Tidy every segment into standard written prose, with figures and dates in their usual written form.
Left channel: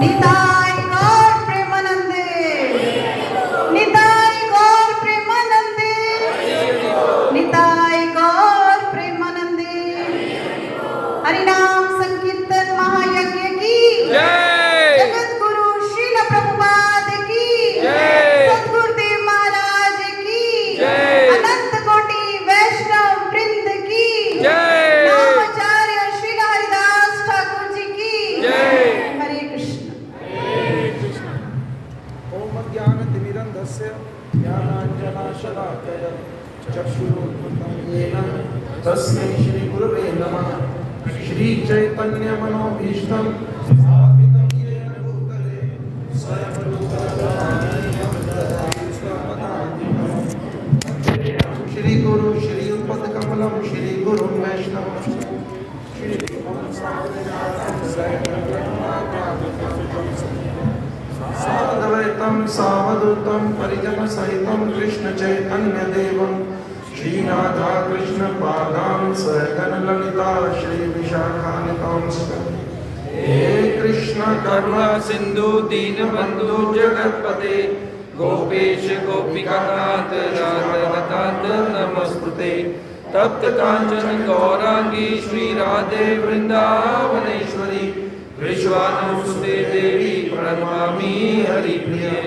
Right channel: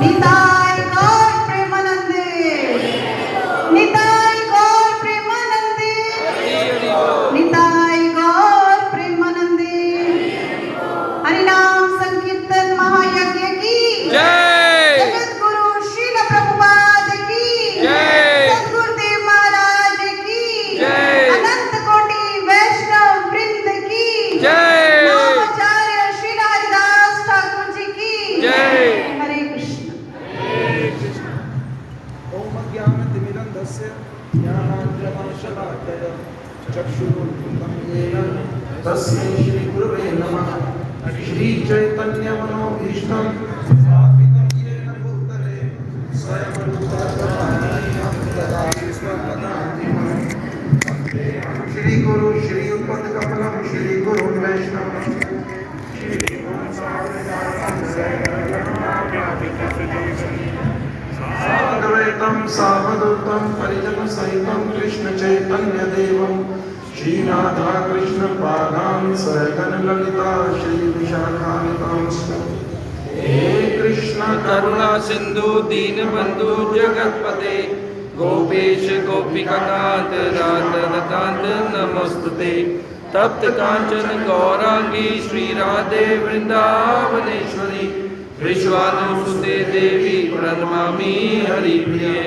निताय गौर प्रेमानंदे, निताय गौर प्रेमानंदे, निताय गौर प्रेमानंदे। हरिनाम संकीर्तन महायज्ञ की जय। जगत गुरु श्रील प्रभुपाद की जय। सद्गुरुदेव महाराज की जय। अनंत कोटि वैष्णव वृंद की जय। नामाचार्य श्री हरिदास ठाकुर जी की जय। हरे कृष्ण। ओम ज्ञानतिमिरन्धस्य ज्ञानाञ्जनाशलाकय चक्षुरुन्मिलितं येन तस्मै श्रीगुरवे नमः। श्रीचैतन्यमनोभीष्टं स्थापितं येन भूतले स्वयं रूपं तदानीयं ददाति स्वपदान्तिकम्। श्रीगुरु श्रीयुतपदकमलं श्रीगुरुं वैष्णवं श्रीगुरुं सावधानं साद्वैतं सावधूतं परिजनसहितं कृष्णचैतन्यदेवं श्रीराधा कृष्णपादान् सहगण ललिता श्रीविशाखान्वितांश्च। हे कृष्ण करुणा सिंधु दीनबंधु जगतपते गोपेश गोपिकांत राधाकांत नमस्तुते। तप्त कांचन गौरांगी श्री राधे वृंदावनेश्वरी विश्वानुसुते देवी प्रणमामि हरिप्रिये।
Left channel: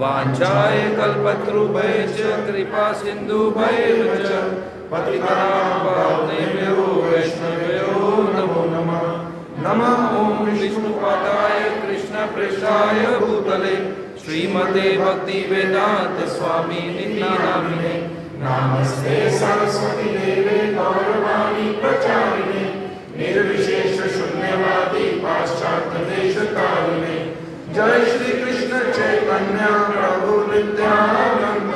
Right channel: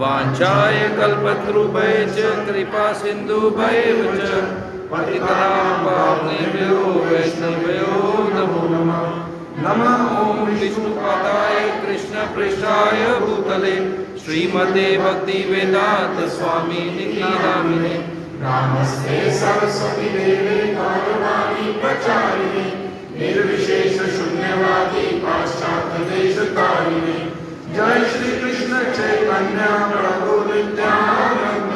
वाञ्छाय कल्पतरुभ्यश्च कृपा सिन्धुभ्येव च पतितानां पावनेभ्यो वैष्णवेभ्यो नमो नमः। नमः ॐ विष्णुपादाय कृष्णप्रेष्ठाय भूतले श्रीमते भक्तिवेदान्त स्वामिनिति नामिने। नमस्ते सरस्वती देवे गौरवाणी प्रचारिणे निर्विशेष शून्यवादी पाश्चात्य देशकारिणे। जय श्री कृष्ण चैतन्य प्रभु नित्यानंद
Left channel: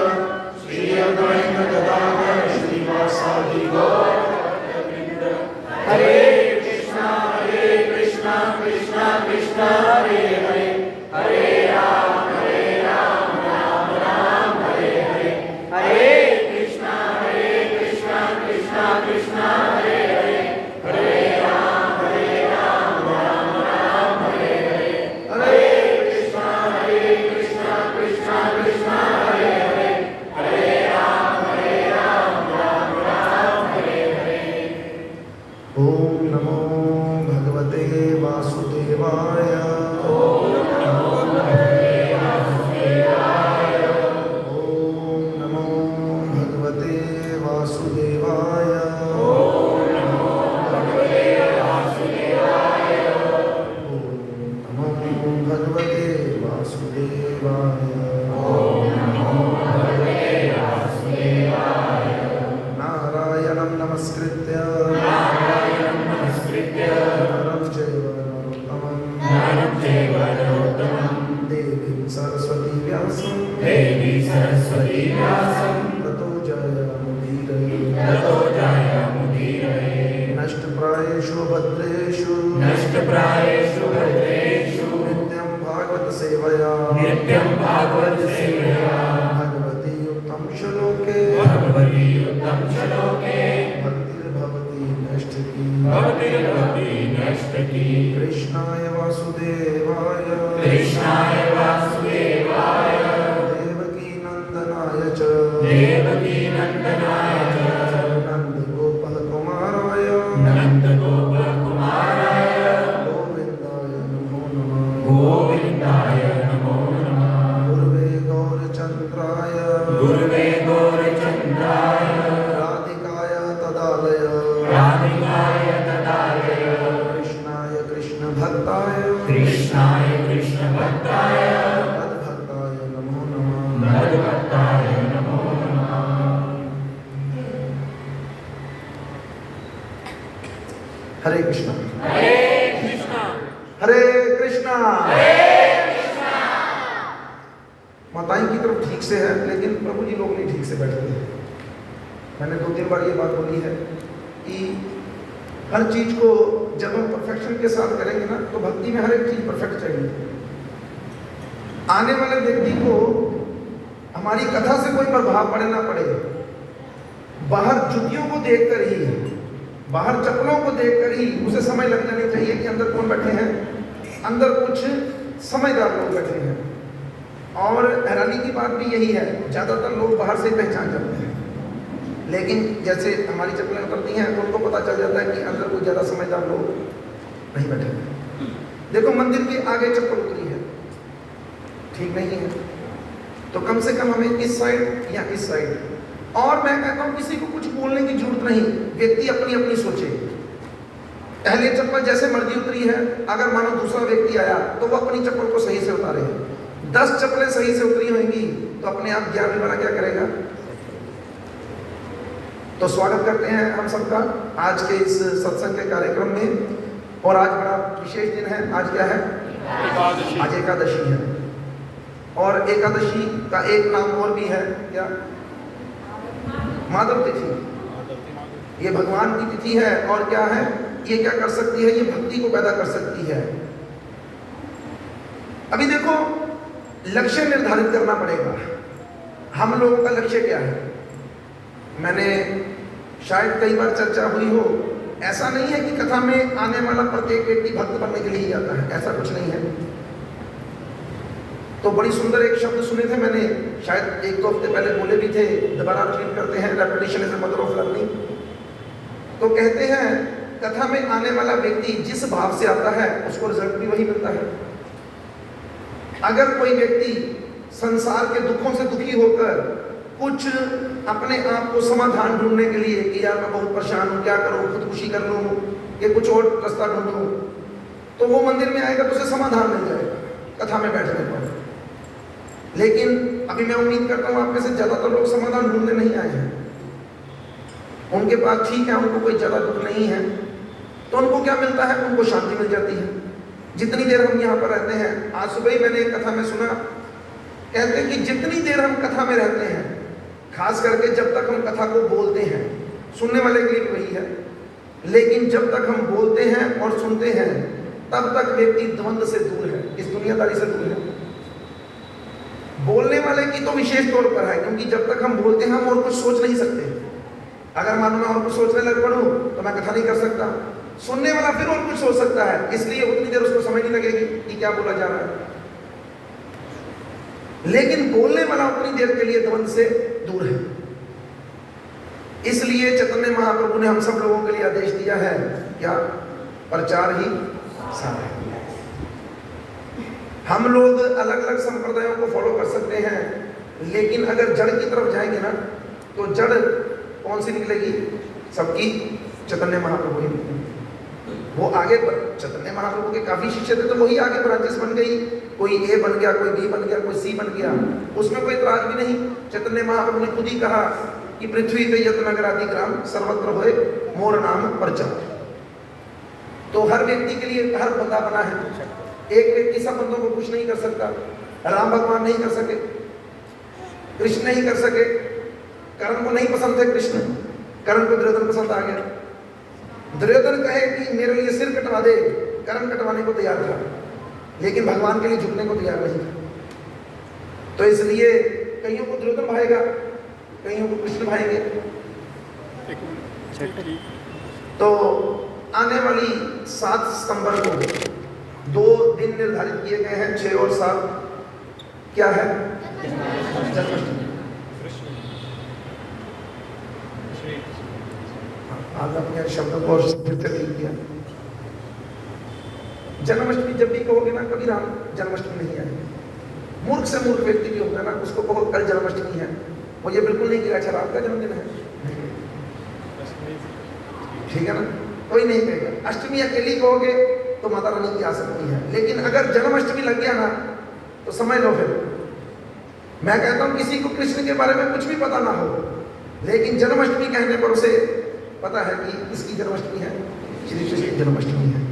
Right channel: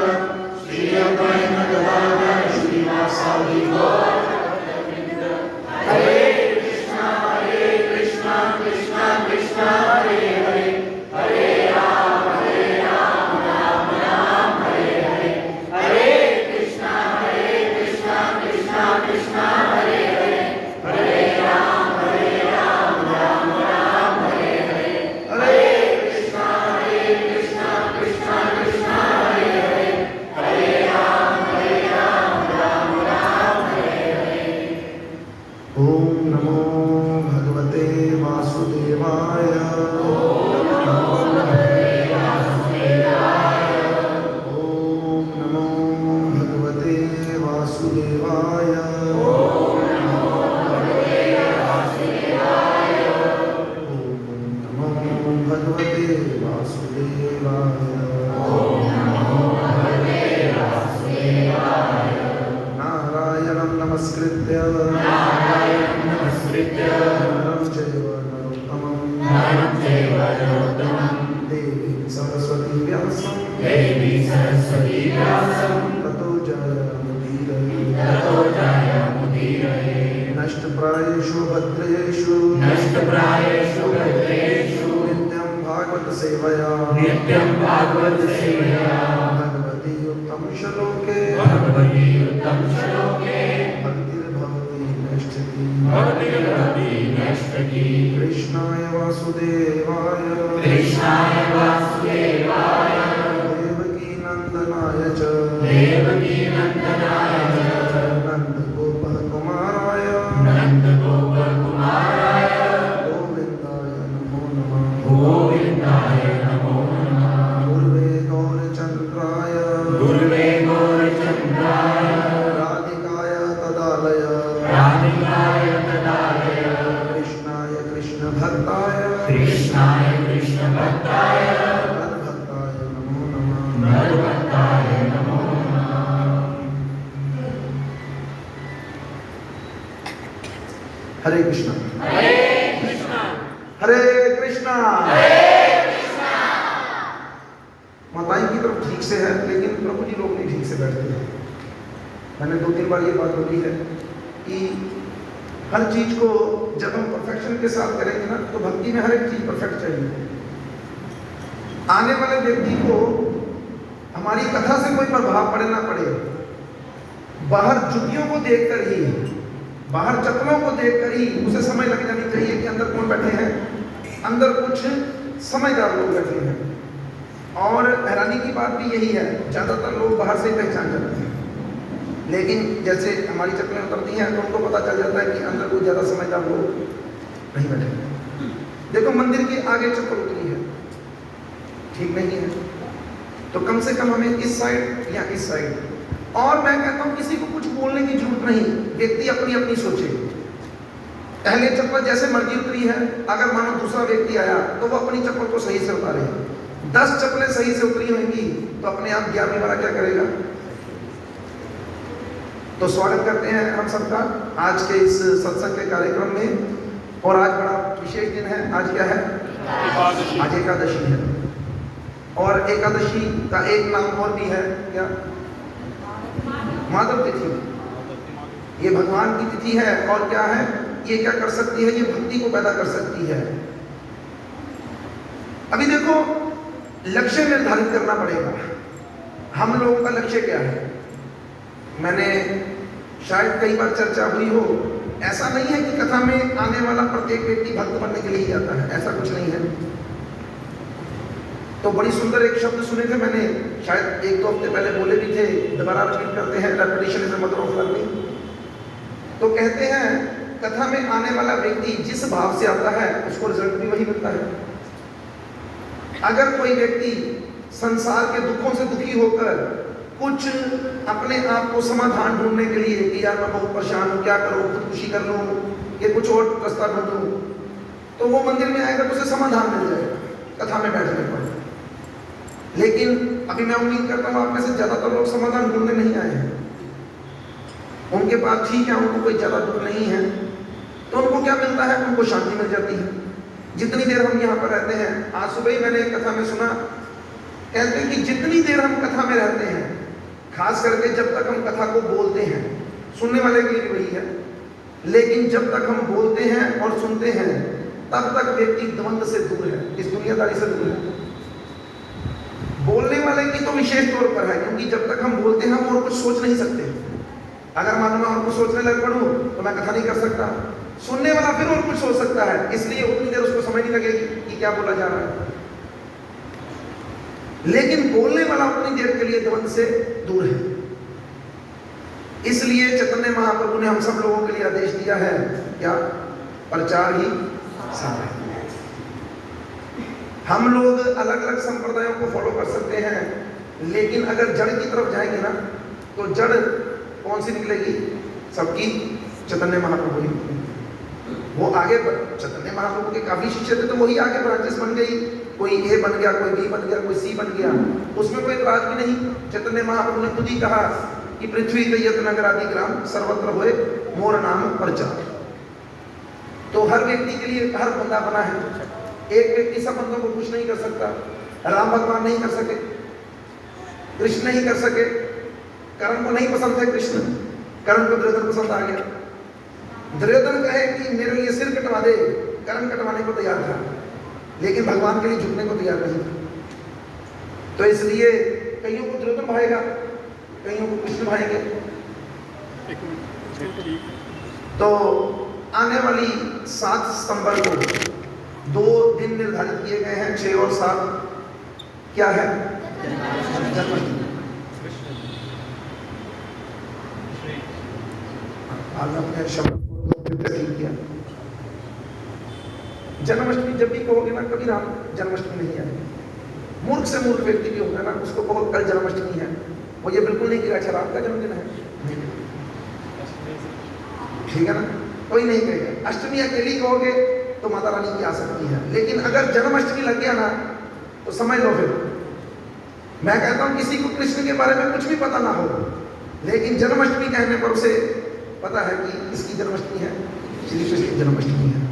श्री अद्वैत गदाधर श्रीवासादि गौरभक्तवृंद। हरे कृष्णा कृष्णा कृष्णा हरे हरे हरे राम राम राम हरे हरे। हरे कृष्णा कृष्णा कृष्णा हरे हरे हरे राम राम राम हरे हरे। हरे कृष्णा कृष्णा कृष्णा हरे हरे हरे राम राम राम हरे हरे। ओम नमो भगवते वासुदेवाय। ओम नमो भगवते वासुदेवाय। ओम नमो भगवते वासुदेवाय। ओम नमो भगवते वासुदेवाय। ओम नमो भगवते वासुदेवाय। ओम नमो भगवते वासुदेवाय। नारायणं नमस्कृत्य नरं चैव नरोत्तमं देवीं सरस्वती व्यासं ततो जयमुदीरये। नष्टप्रायेषु भद्रेषु नित्यं भागवत सेवया भगवती उत्तम श्लोके भक्तिर्भवति नैष्ठिकी। कृष्णाय वासुदेवाय देवकी नंदनाय च नन्दगोपकुमाराय गोविन्दाय नमो नमः। गुरुवे गौरचन्द्राय राधिकाय तदालय कृष्णाय कृष्णभक्ताय मद्भक्ताय नमो नमः। हरे कृष्णा हरे कृष्णा। माताएं की तरफ ठीक से है, लेकिन प्रभु जी लोग नहीं ठीक से बैठते हैं। मैंने 2-3 बार ये बात बोली है कि हर चीज को जब हम परफेक्शन के साथ करेंगे ना, तो भक्ति में हर एक चीज परफेक्ट चाहिए। आने वाले व्यक्ति को हमारी कथा से कोई प्रभाव पड़े ना पड़े, बाहर जुतियों को देखकर ही, बाहर चप्पलों को देखकर ही उसे समझ लग जानी चाहिए कि अंदर कौन बैठे हैं, अंदर कुछ समझदार लोग बैठे हैं। और हैरानी की बात भी यही है, ज़्यादातर लोग बाहर से ही पहचान जाते हैं, लेकिन जैसे हमारी चप्पलें उतरती हैं तो उनको पता चल जाता है कि अंदर कोई ज़्यादा समझदार लोग नहीं बैठे। देखो मंदिर के आगे चप्पल उतरी है, ठीक नहीं है, तो कम से कम हमें इस साइड या इस साइड, और मैं कहता हूँ किसी को कुछ बोलने की जरूरत नहीं, व्यक्ति अपनी अपनी सोचे। पहले चप्पल जैसे मर्जी उतरी है, अगर मानो दूसरा व्यक्ति आया तो वो अपनी चप्पल को सही से उतारे। 10 चप्पलें सही से उतरी होंगी तो अपने आप 11वें वाला क्या करेगा। तो स्वागत करते हैं हम सबका आज के इस सत्संग के कार्यक्रम में। और आज बड़ा विशेष दिन है। आज क्या है? एकादशी। आज एकादशी है। और एकादशी का एक नाम और भी है, क्या? माधव तिथि। ये भगवान की तिथि है। और क्या है? ये क्या कर सकती है? ये भक्ति को पैदा कर सकती है। अभी देखो, लक्ष्य निर्धारित करना पड़ेगा। हम लोगों का लक्ष्य क्या है? मैंने शायद कई बार चर्चा हुई हो, ऐसा नहीं है कि कथा में आने वाला प्रत्येक व्यक्ति भक्त बनने के लिए जाता है, ऐसा कुछ नहीं है। तो बड़ी सुंदर एक शब्द सुने थे मैंने, शायद 1-2 हफ्ते पहले बोले भी थे, दोबारा रिपीट करते हैं, repetition is the mother of learning. तो कहते हैं कथा में आने वाला व्यक्ति जिस भाव से आता है उसको रिजल्ट भी वही मिलता है। अगर कोई व्यक्ति संसार के दुखों से दुखी होकर कुछ अपने आप को समाधान ढूंढने के लिए कि यार मैं बहुत परेशान हूँ, क्या करूँ, खुदकुशी कर लूँ या कुछ और रास्ता ढूंढूं, तो वो मंदिर में आएगा तो उसे समाधान मिल जाएगा कथा में बैठने पर। लेकिन अभी मैं उम्मीद करता हूँ आप में से ज़्यादातर लोग समाधान ढूंढने नहीं आए हैं। उनके पास ठीक है, उनको कोई ज़्यादा दुख नहीं है, तो उनको क्या मिलता है? उनको शांति मिल जाती है। जितनी देर हम यहाँ पर रहते हैं, आज सुबह ही मैंने एक कथा में सुना, कहते हैं कि जितनी देर हम कथा में रहते हैं, खास करके जब तक हम कथा को बोलते हैं, सुनने वाले के लिए वही है, लेकिन जब तक हम बोलते हैं और सुनते हैं तब तक व्यक्ति द्वंद्व से दूर है, इस दुनियादारी से दूर है। बोलने वाले की तो विशेष तौर पर है, क्योंकि जब तक हम बोलते हैं हम और कुछ सोच नहीं सकते। अगर मान लो हम कुछ सोचने लग पड़ूं तो मैं कथा नहीं कर सकता। सुनने वाला फिर और कुछ सोच सकता है, इसलिए उतनी देर उसको समझ नहीं लगेगी कि क्या बोला जा रहा है। लेकिन बोलने वाला उतनी देर के लिए द्वंद्व से दूर है। इसलिए चैतन्य महाप्रभु ने हम सब लोगों के लिए आदेश दिया है, क्या? प्रचार ही सार है। हम लोग अलग अलग संप्रदायों को फॉलो कर सकते हैं, लेकिन अगर जड़ की तरफ जाएंगे ना, तो जड़ कौन सी निकलेगी? सबकी चैतन्य महाप्रभु निकलेगी। वो आगे चैतन्य महाप्रभु के काफी शिष्य थे, तो वही आगे ब्रांचेस बन गई। कोई ए बन गया, कोई बी बन गया, कोई सी बन गया, उसमें कोई इतराज भी नहीं। चैतन्य महाप्रभु ने खुद ही कहा कि पृथ्वी के यत नगर आदि ग्राम सर्वत्र होए मोर नाम प्रचार। तो हर व्यक्ति के लिए हर बंदा बना है। एक व्यक्ति सब बंदों को कुछ नहीं कर सकता। राम भगवान नहीं कर सके, कृष्ण नहीं कर सके, कर्ण को नहीं पसंद थे कृष्ण, कर्ण को दुर्योधन पसंद आ गया। दुर्योधन कहे कि मेरे लिए सिर कटवा दे, कर्ण कटवाने को तैयार था, लेकिन भगवान के लिए झुकने को तैयार नहीं था। तो इसलिए कईयों को दुर्योधन भाएगा, कईयों को कृष्ण भाएंगे। तो आने वाली 7 सितंबर को 2 दिन निर्धारित किए गए हैं, 6 और 7। क्या है? जन्माष्टमी। आज अपने शब्द को किया। जन्माष्टमी जब भी कहोगे ना, कभी राम जन्माष्टमी नहीं आएगा। मूर्ख से मूर्ख व्यक्ति भी होगा ना, उसको कहो कल जन्माष्टमी है, वो ये बिल्कुल नहीं किया, अच्छा राम का जन्मदिन है, ठीक है ना? कोई नहीं कहेगा। अष्टमी अकेली कहोगे तो माता रानी की आ सकती है, लेकिन अगर जन्माष्टमी लग गया ना तो समझ लो फिर। मैं कहता हूँ किसी को कृष्ण के बारे में कुछ भी पता ना हो, लेकिन जन्माष्टमी कहने पर उसे पता है कि इसकी जन्माष्टमी है, श्री कृष्ण की जन्माष्टमी है।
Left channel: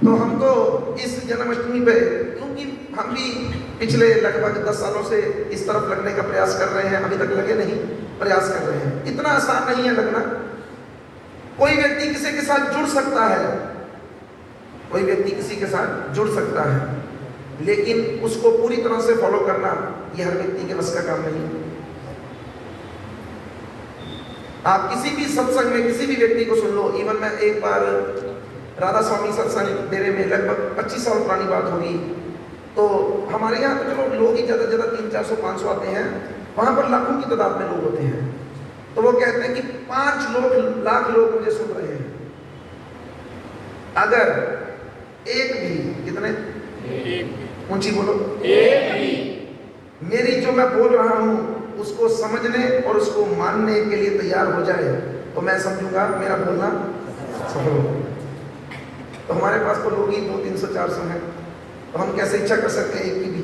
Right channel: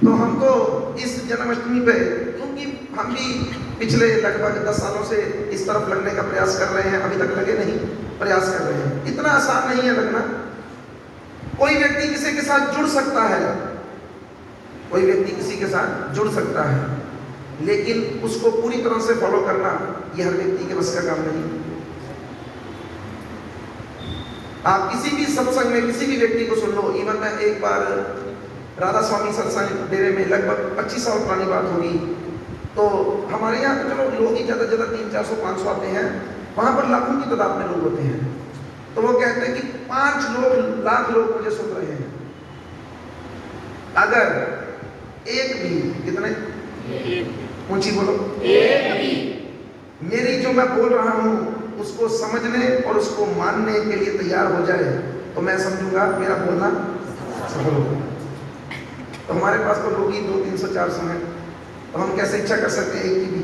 तो हमको इस जन्माष्टमी पे, क्योंकि हम भी पिछले लगभग 10 सालों से इस तरफ लगने का प्रयास कर रहे हैं, अभी तक लगे नहीं, प्रयास कर रहे हैं। इतना आसान नहीं है लगना। कोई व्यक्ति किसी के साथ जुड़ सकता है, कोई व्यक्ति किसी के साथ जुड़ सकता है, लेकिन उसको पूरी तरह से फॉलो करना यह हर व्यक्ति के बस का काम नहीं। आप किसी भी सत्संग में किसी भी व्यक्ति को सुन लो। इवन मैं एक बार राधा स्वामी सत्संग डेरे में, लगभग 25 साल पुरानी बात होगी, तो हमारे यहाँ तो चलो लोग ही ज़्यादा 300-400-500 आते हैं, वहाँ पर लाखों की तादाद में लोग होते हैं। तो वो कहते हैं कि 5 लाख लोग मुझे सुन रहे हैं, अगर एक भी, कितने ऊंची बोलो, एक भी मेरी जो मैं बोल रहा हूँ उसको समझने और उसको मानने के लिए तैयार हो जाए तो मैं समझूंगा मेरा बोलना सफल हो। तो हमारे पास तो लोग ही 200-300-400 हैं, तो हम कैसे इच्छा कर सकते हैं एक की भी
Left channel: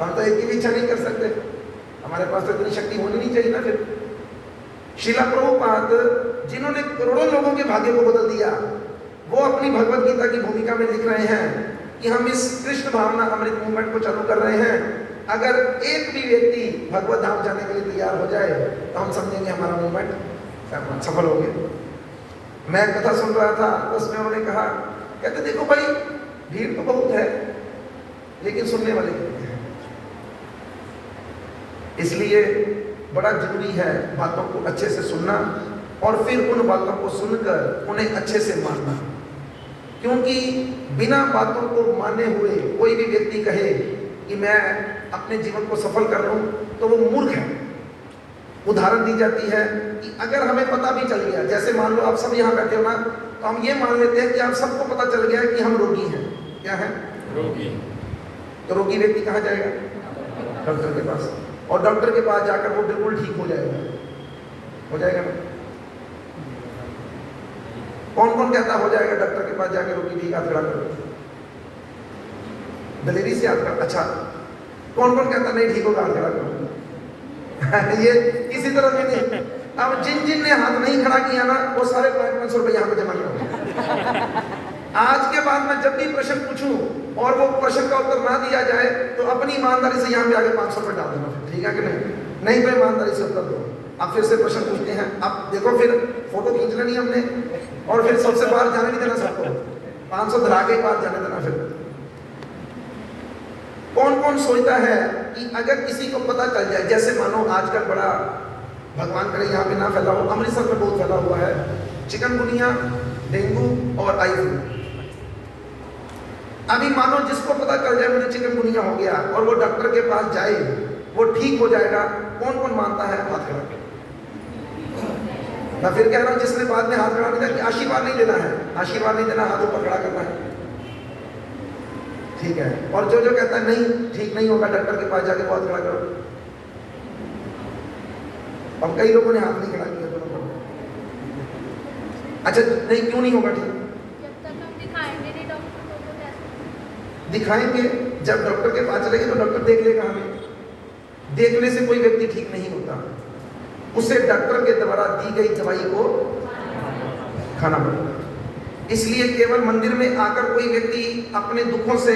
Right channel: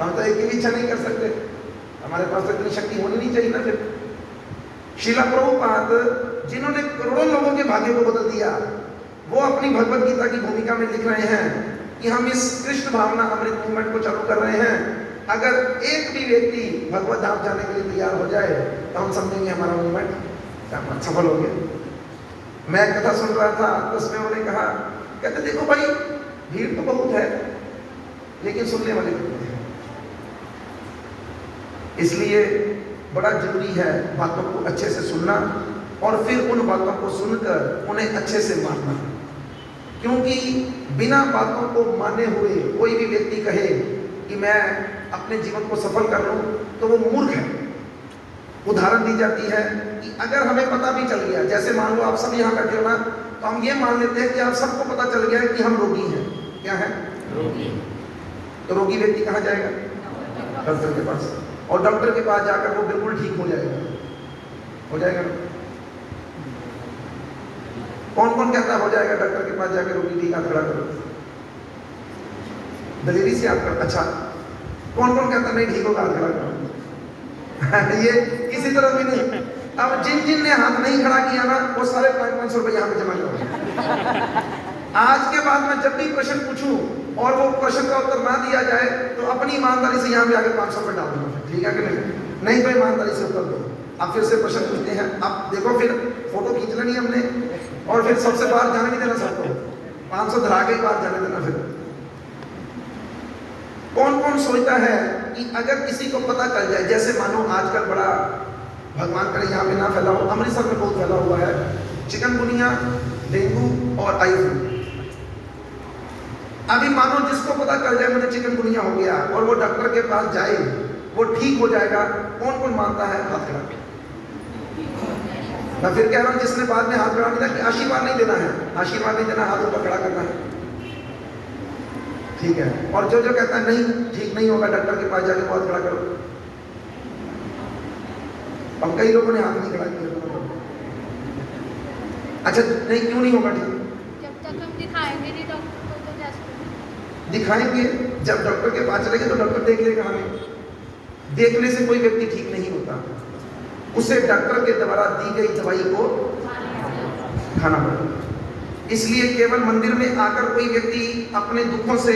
हम तो एक की भी इच्छा नहीं कर सकते, हमारे पास तो इतनी शक्ति होनी नहीं चाहिए ना। फिर श्रीला प्रभुपाद जिन्होंने करोड़ों लोगों के भाग्य को बदल दिया, वो अपनी भगवत गीता की भूमिका में लिख रहे हैं कि हम इस कृष्ण भावना अमृत मूवमेंट को चालू कर रहे हैं, अगर एक भी व्यक्ति भगवत धाम जाने के लिए तैयार हो जाए तो हम समझेंगे हमारा मूवमेंट सफल हो गया। मैं एक कथा सुन रहा था तो उसमें उन्होंने कहा, कहते देखो भाई भीड़ तो बहुत है लेकिन सुनने वाले नहीं हैं, इसलिए बड़ा जरूरी है बातों को अच्छे से सुनना और फिर उन बातों को सुनकर उन्हें अच्छे से मानना, क्योंकि बिना बातों को माने हुए कोई भी व्यक्ति कहे कि मैं अपने जीवन को सफल कर लूं तो वो मूर्ख है। उदाहरण दी जाती है कि अगर हमें पता भी चल गया, जैसे मान लो आप सब यहाँ बैठे हो ना, तो हम ये मान लेते हैं कि आप सबको पता चल गया है कि हम रोगी हैं। क्या है? रोगी। तो रोगी व्यक्ति कहाँ जाएगा? डॉक्टर के पास, और डॉक्टर के पास जाकर वो बिल्कुल ठीक हो जाएगा ना? कौन कौन कहता हो जाएगा डॉक्टर के पास जाकर रोगी ठीक, हाथ खड़ा करो, दलेरी से हाथ खड़ा। अच्छा, कौन कौन कहता नहीं ठीक होगा, हाथ खड़ा करो ये किसी तरह में नहीं। अब जिन ने हाथ नहीं खड़ा किया ना, वो सारे 500 रुपये यहाँ पे जमा करो। आज के बाद मैं जब भी प्रश्न पूछूं और वो प्रश्न का उत्तर ना दिया जाए तो अपनी ईमानदारी से यहाँ पे आगे 500 रुपये डाल दूंगा, ठीक है कि नहीं तो ईमानदारी से उत्तर दो। अब फिर से प्रश्न पूछते हैं, अब देखो फिर फोटो खींच लेनी हमने और फिर सबसे बाहर जाने नहीं देना, सबको 500 धरा के बाहर जाने देना। फिर कौन कौन सोचता है कि अगर किसी को पता चल जाए, जैसे मानो आजकल बड़ा, भगवान करे यहाँ पे ना फैला हो, अमृतसर में बहुत फैला हुआ है चिकनगुनिया, डेंगू और आई फ्लू। अभी मानो जिसको पता चल जाए मुझे चिकनगुनिया हो गया और वो डॉक्टर के पास जाए, वो ठीक हो जाएगा, कौन कौन मानता है? हाथ खड़ा। मैं फिर कह रहा हूं, जिसने बाद में हाथ खड़ा किया कि आशीर्वाद नहीं देना है, आशीर्वाद नहीं देना, हाथ ऊपर खड़ा करना है, ठीक है। और जो जो कहता है नहीं ठीक नहीं होगा, डॉक्टर के पास जाके हाथ खड़ा करो। अब कई लोगों ने हाथ नहीं खड़ा किया। अच्छा नहीं, क्यों नहीं होगा ठीक? जब तक हम दिखाएंगे नहीं डॉक्टर को तो कैसे दिखाएंगे? जब डॉक्टर के पास चलेंगे तो डॉक्टर देख लेगा हमें। देखने से कोई व्यक्ति ठीक नहीं होता, उसे डॉक्टर के द्वारा दी गई दवाई को खाना पड़ेगा। इसलिए केवल मंदिर में आकर कोई व्यक्ति अपने दुखों से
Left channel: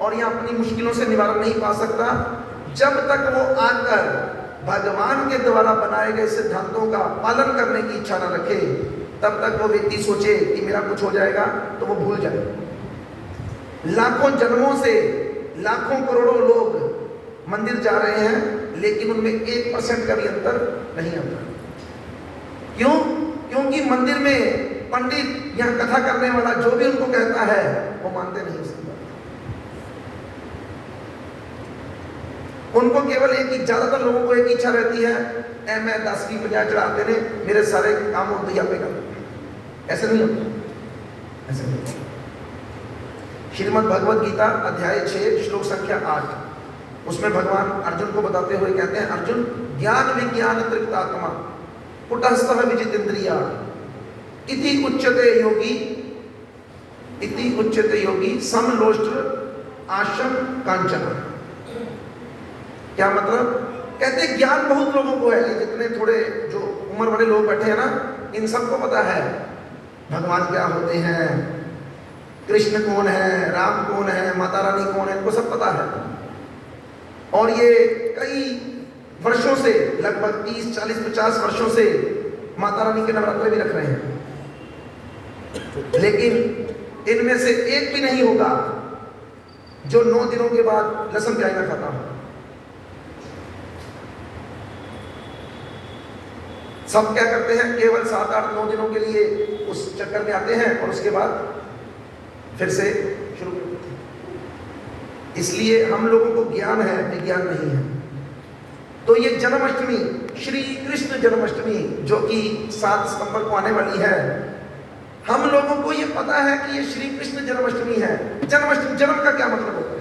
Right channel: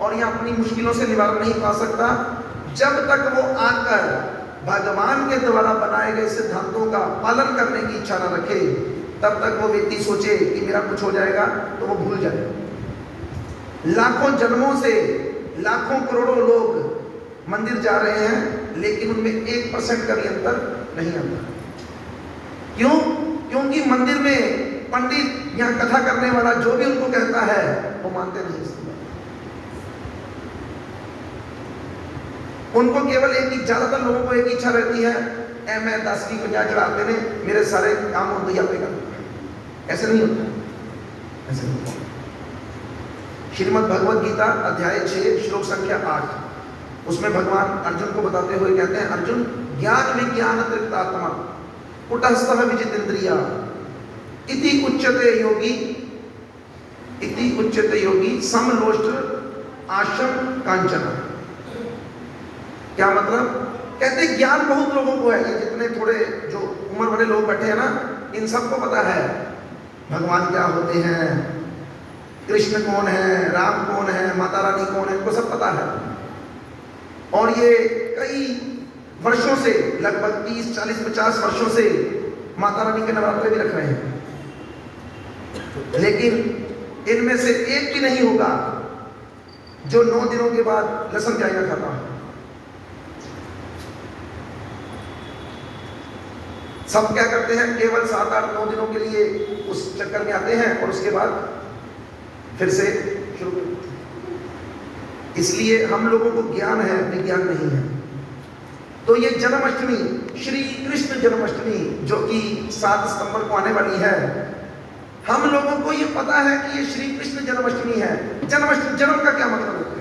और या अपनी मुश्किलों से निवारण नहीं पा सकता, जब तक वो आकर भगवान के द्वारा बनाए गए सिद्धांतों का पालन करने की इच्छा न रखे, तब तक वो व्यक्ति सोचे कि मेरा कुछ हो जाएगा तो वो भूल जाए। लाखों जन्मों से लाखों करोड़ों लोग मंदिर जा रहे हैं, लेकिन उनमें 1% का भी अंतर नहीं आता। क्यों? क्योंकि मंदिर में पंडित या कथा करने वाला जो भी उनको कहता है वो मानते नहीं इसकी बात। उनको केवल एक ही, ज्यादातर लोगों को एक इच्छा रहती है, मैं 10 की बजाय चढ़ाते ने मेरे सारे काम होते ही आपके कर। ऐसे नहीं होता, ऐसे नहीं होता। श्रीमद् भगवद गीता अध्याय 6 श्लोक संख्या 8, उसमें भगवान अर्जुन को बताते हुए कहते हैं, अर्जुन ज्ञान विज्ञान तृप्तात्मा कुटस्थः विजितेन्द्रिया इति उच्यते योगी समलोष्ट आशम कांचन। क्या मतलब? कहते ज्ञान बहुत लोगों को है, जितने थोड़े जो उम्र बड़े लोग बैठे हैं ना, इन सबको पता है भगवान क्या होते हैं, कृष्ण कौन है, राम कौन है, माता रानी कौन है, इनको सब पता है। और ये कई वर्षों से, लगभग 30, 40, 50 वर्षों से माता रानी के नवरात्रे भी रख रहे हैं, लेकिन इनमें से एक भी नहीं होगा जो 9 दिनों के बाद लहसुन प्याज ना खाता हो। सब क्या करते हैं, केवल 7, 8, 9 दिनों के लिए उस चक्कर में आते हैं और उसके बाद फिर से शुरू। इसलिए हम लोगों को ज्ञान है, विज्ञान नहीं है। तो ये जन्माष्टमी, श्री कृष्ण जन्माष्टमी जो कि 7 सितंबर को आने वाली है, हम लोगों को ये पता है कि ये श्री कृष्ण जन्माष्टमी है। जन्माष्टमी, जन्म का क्या मतलब होता है?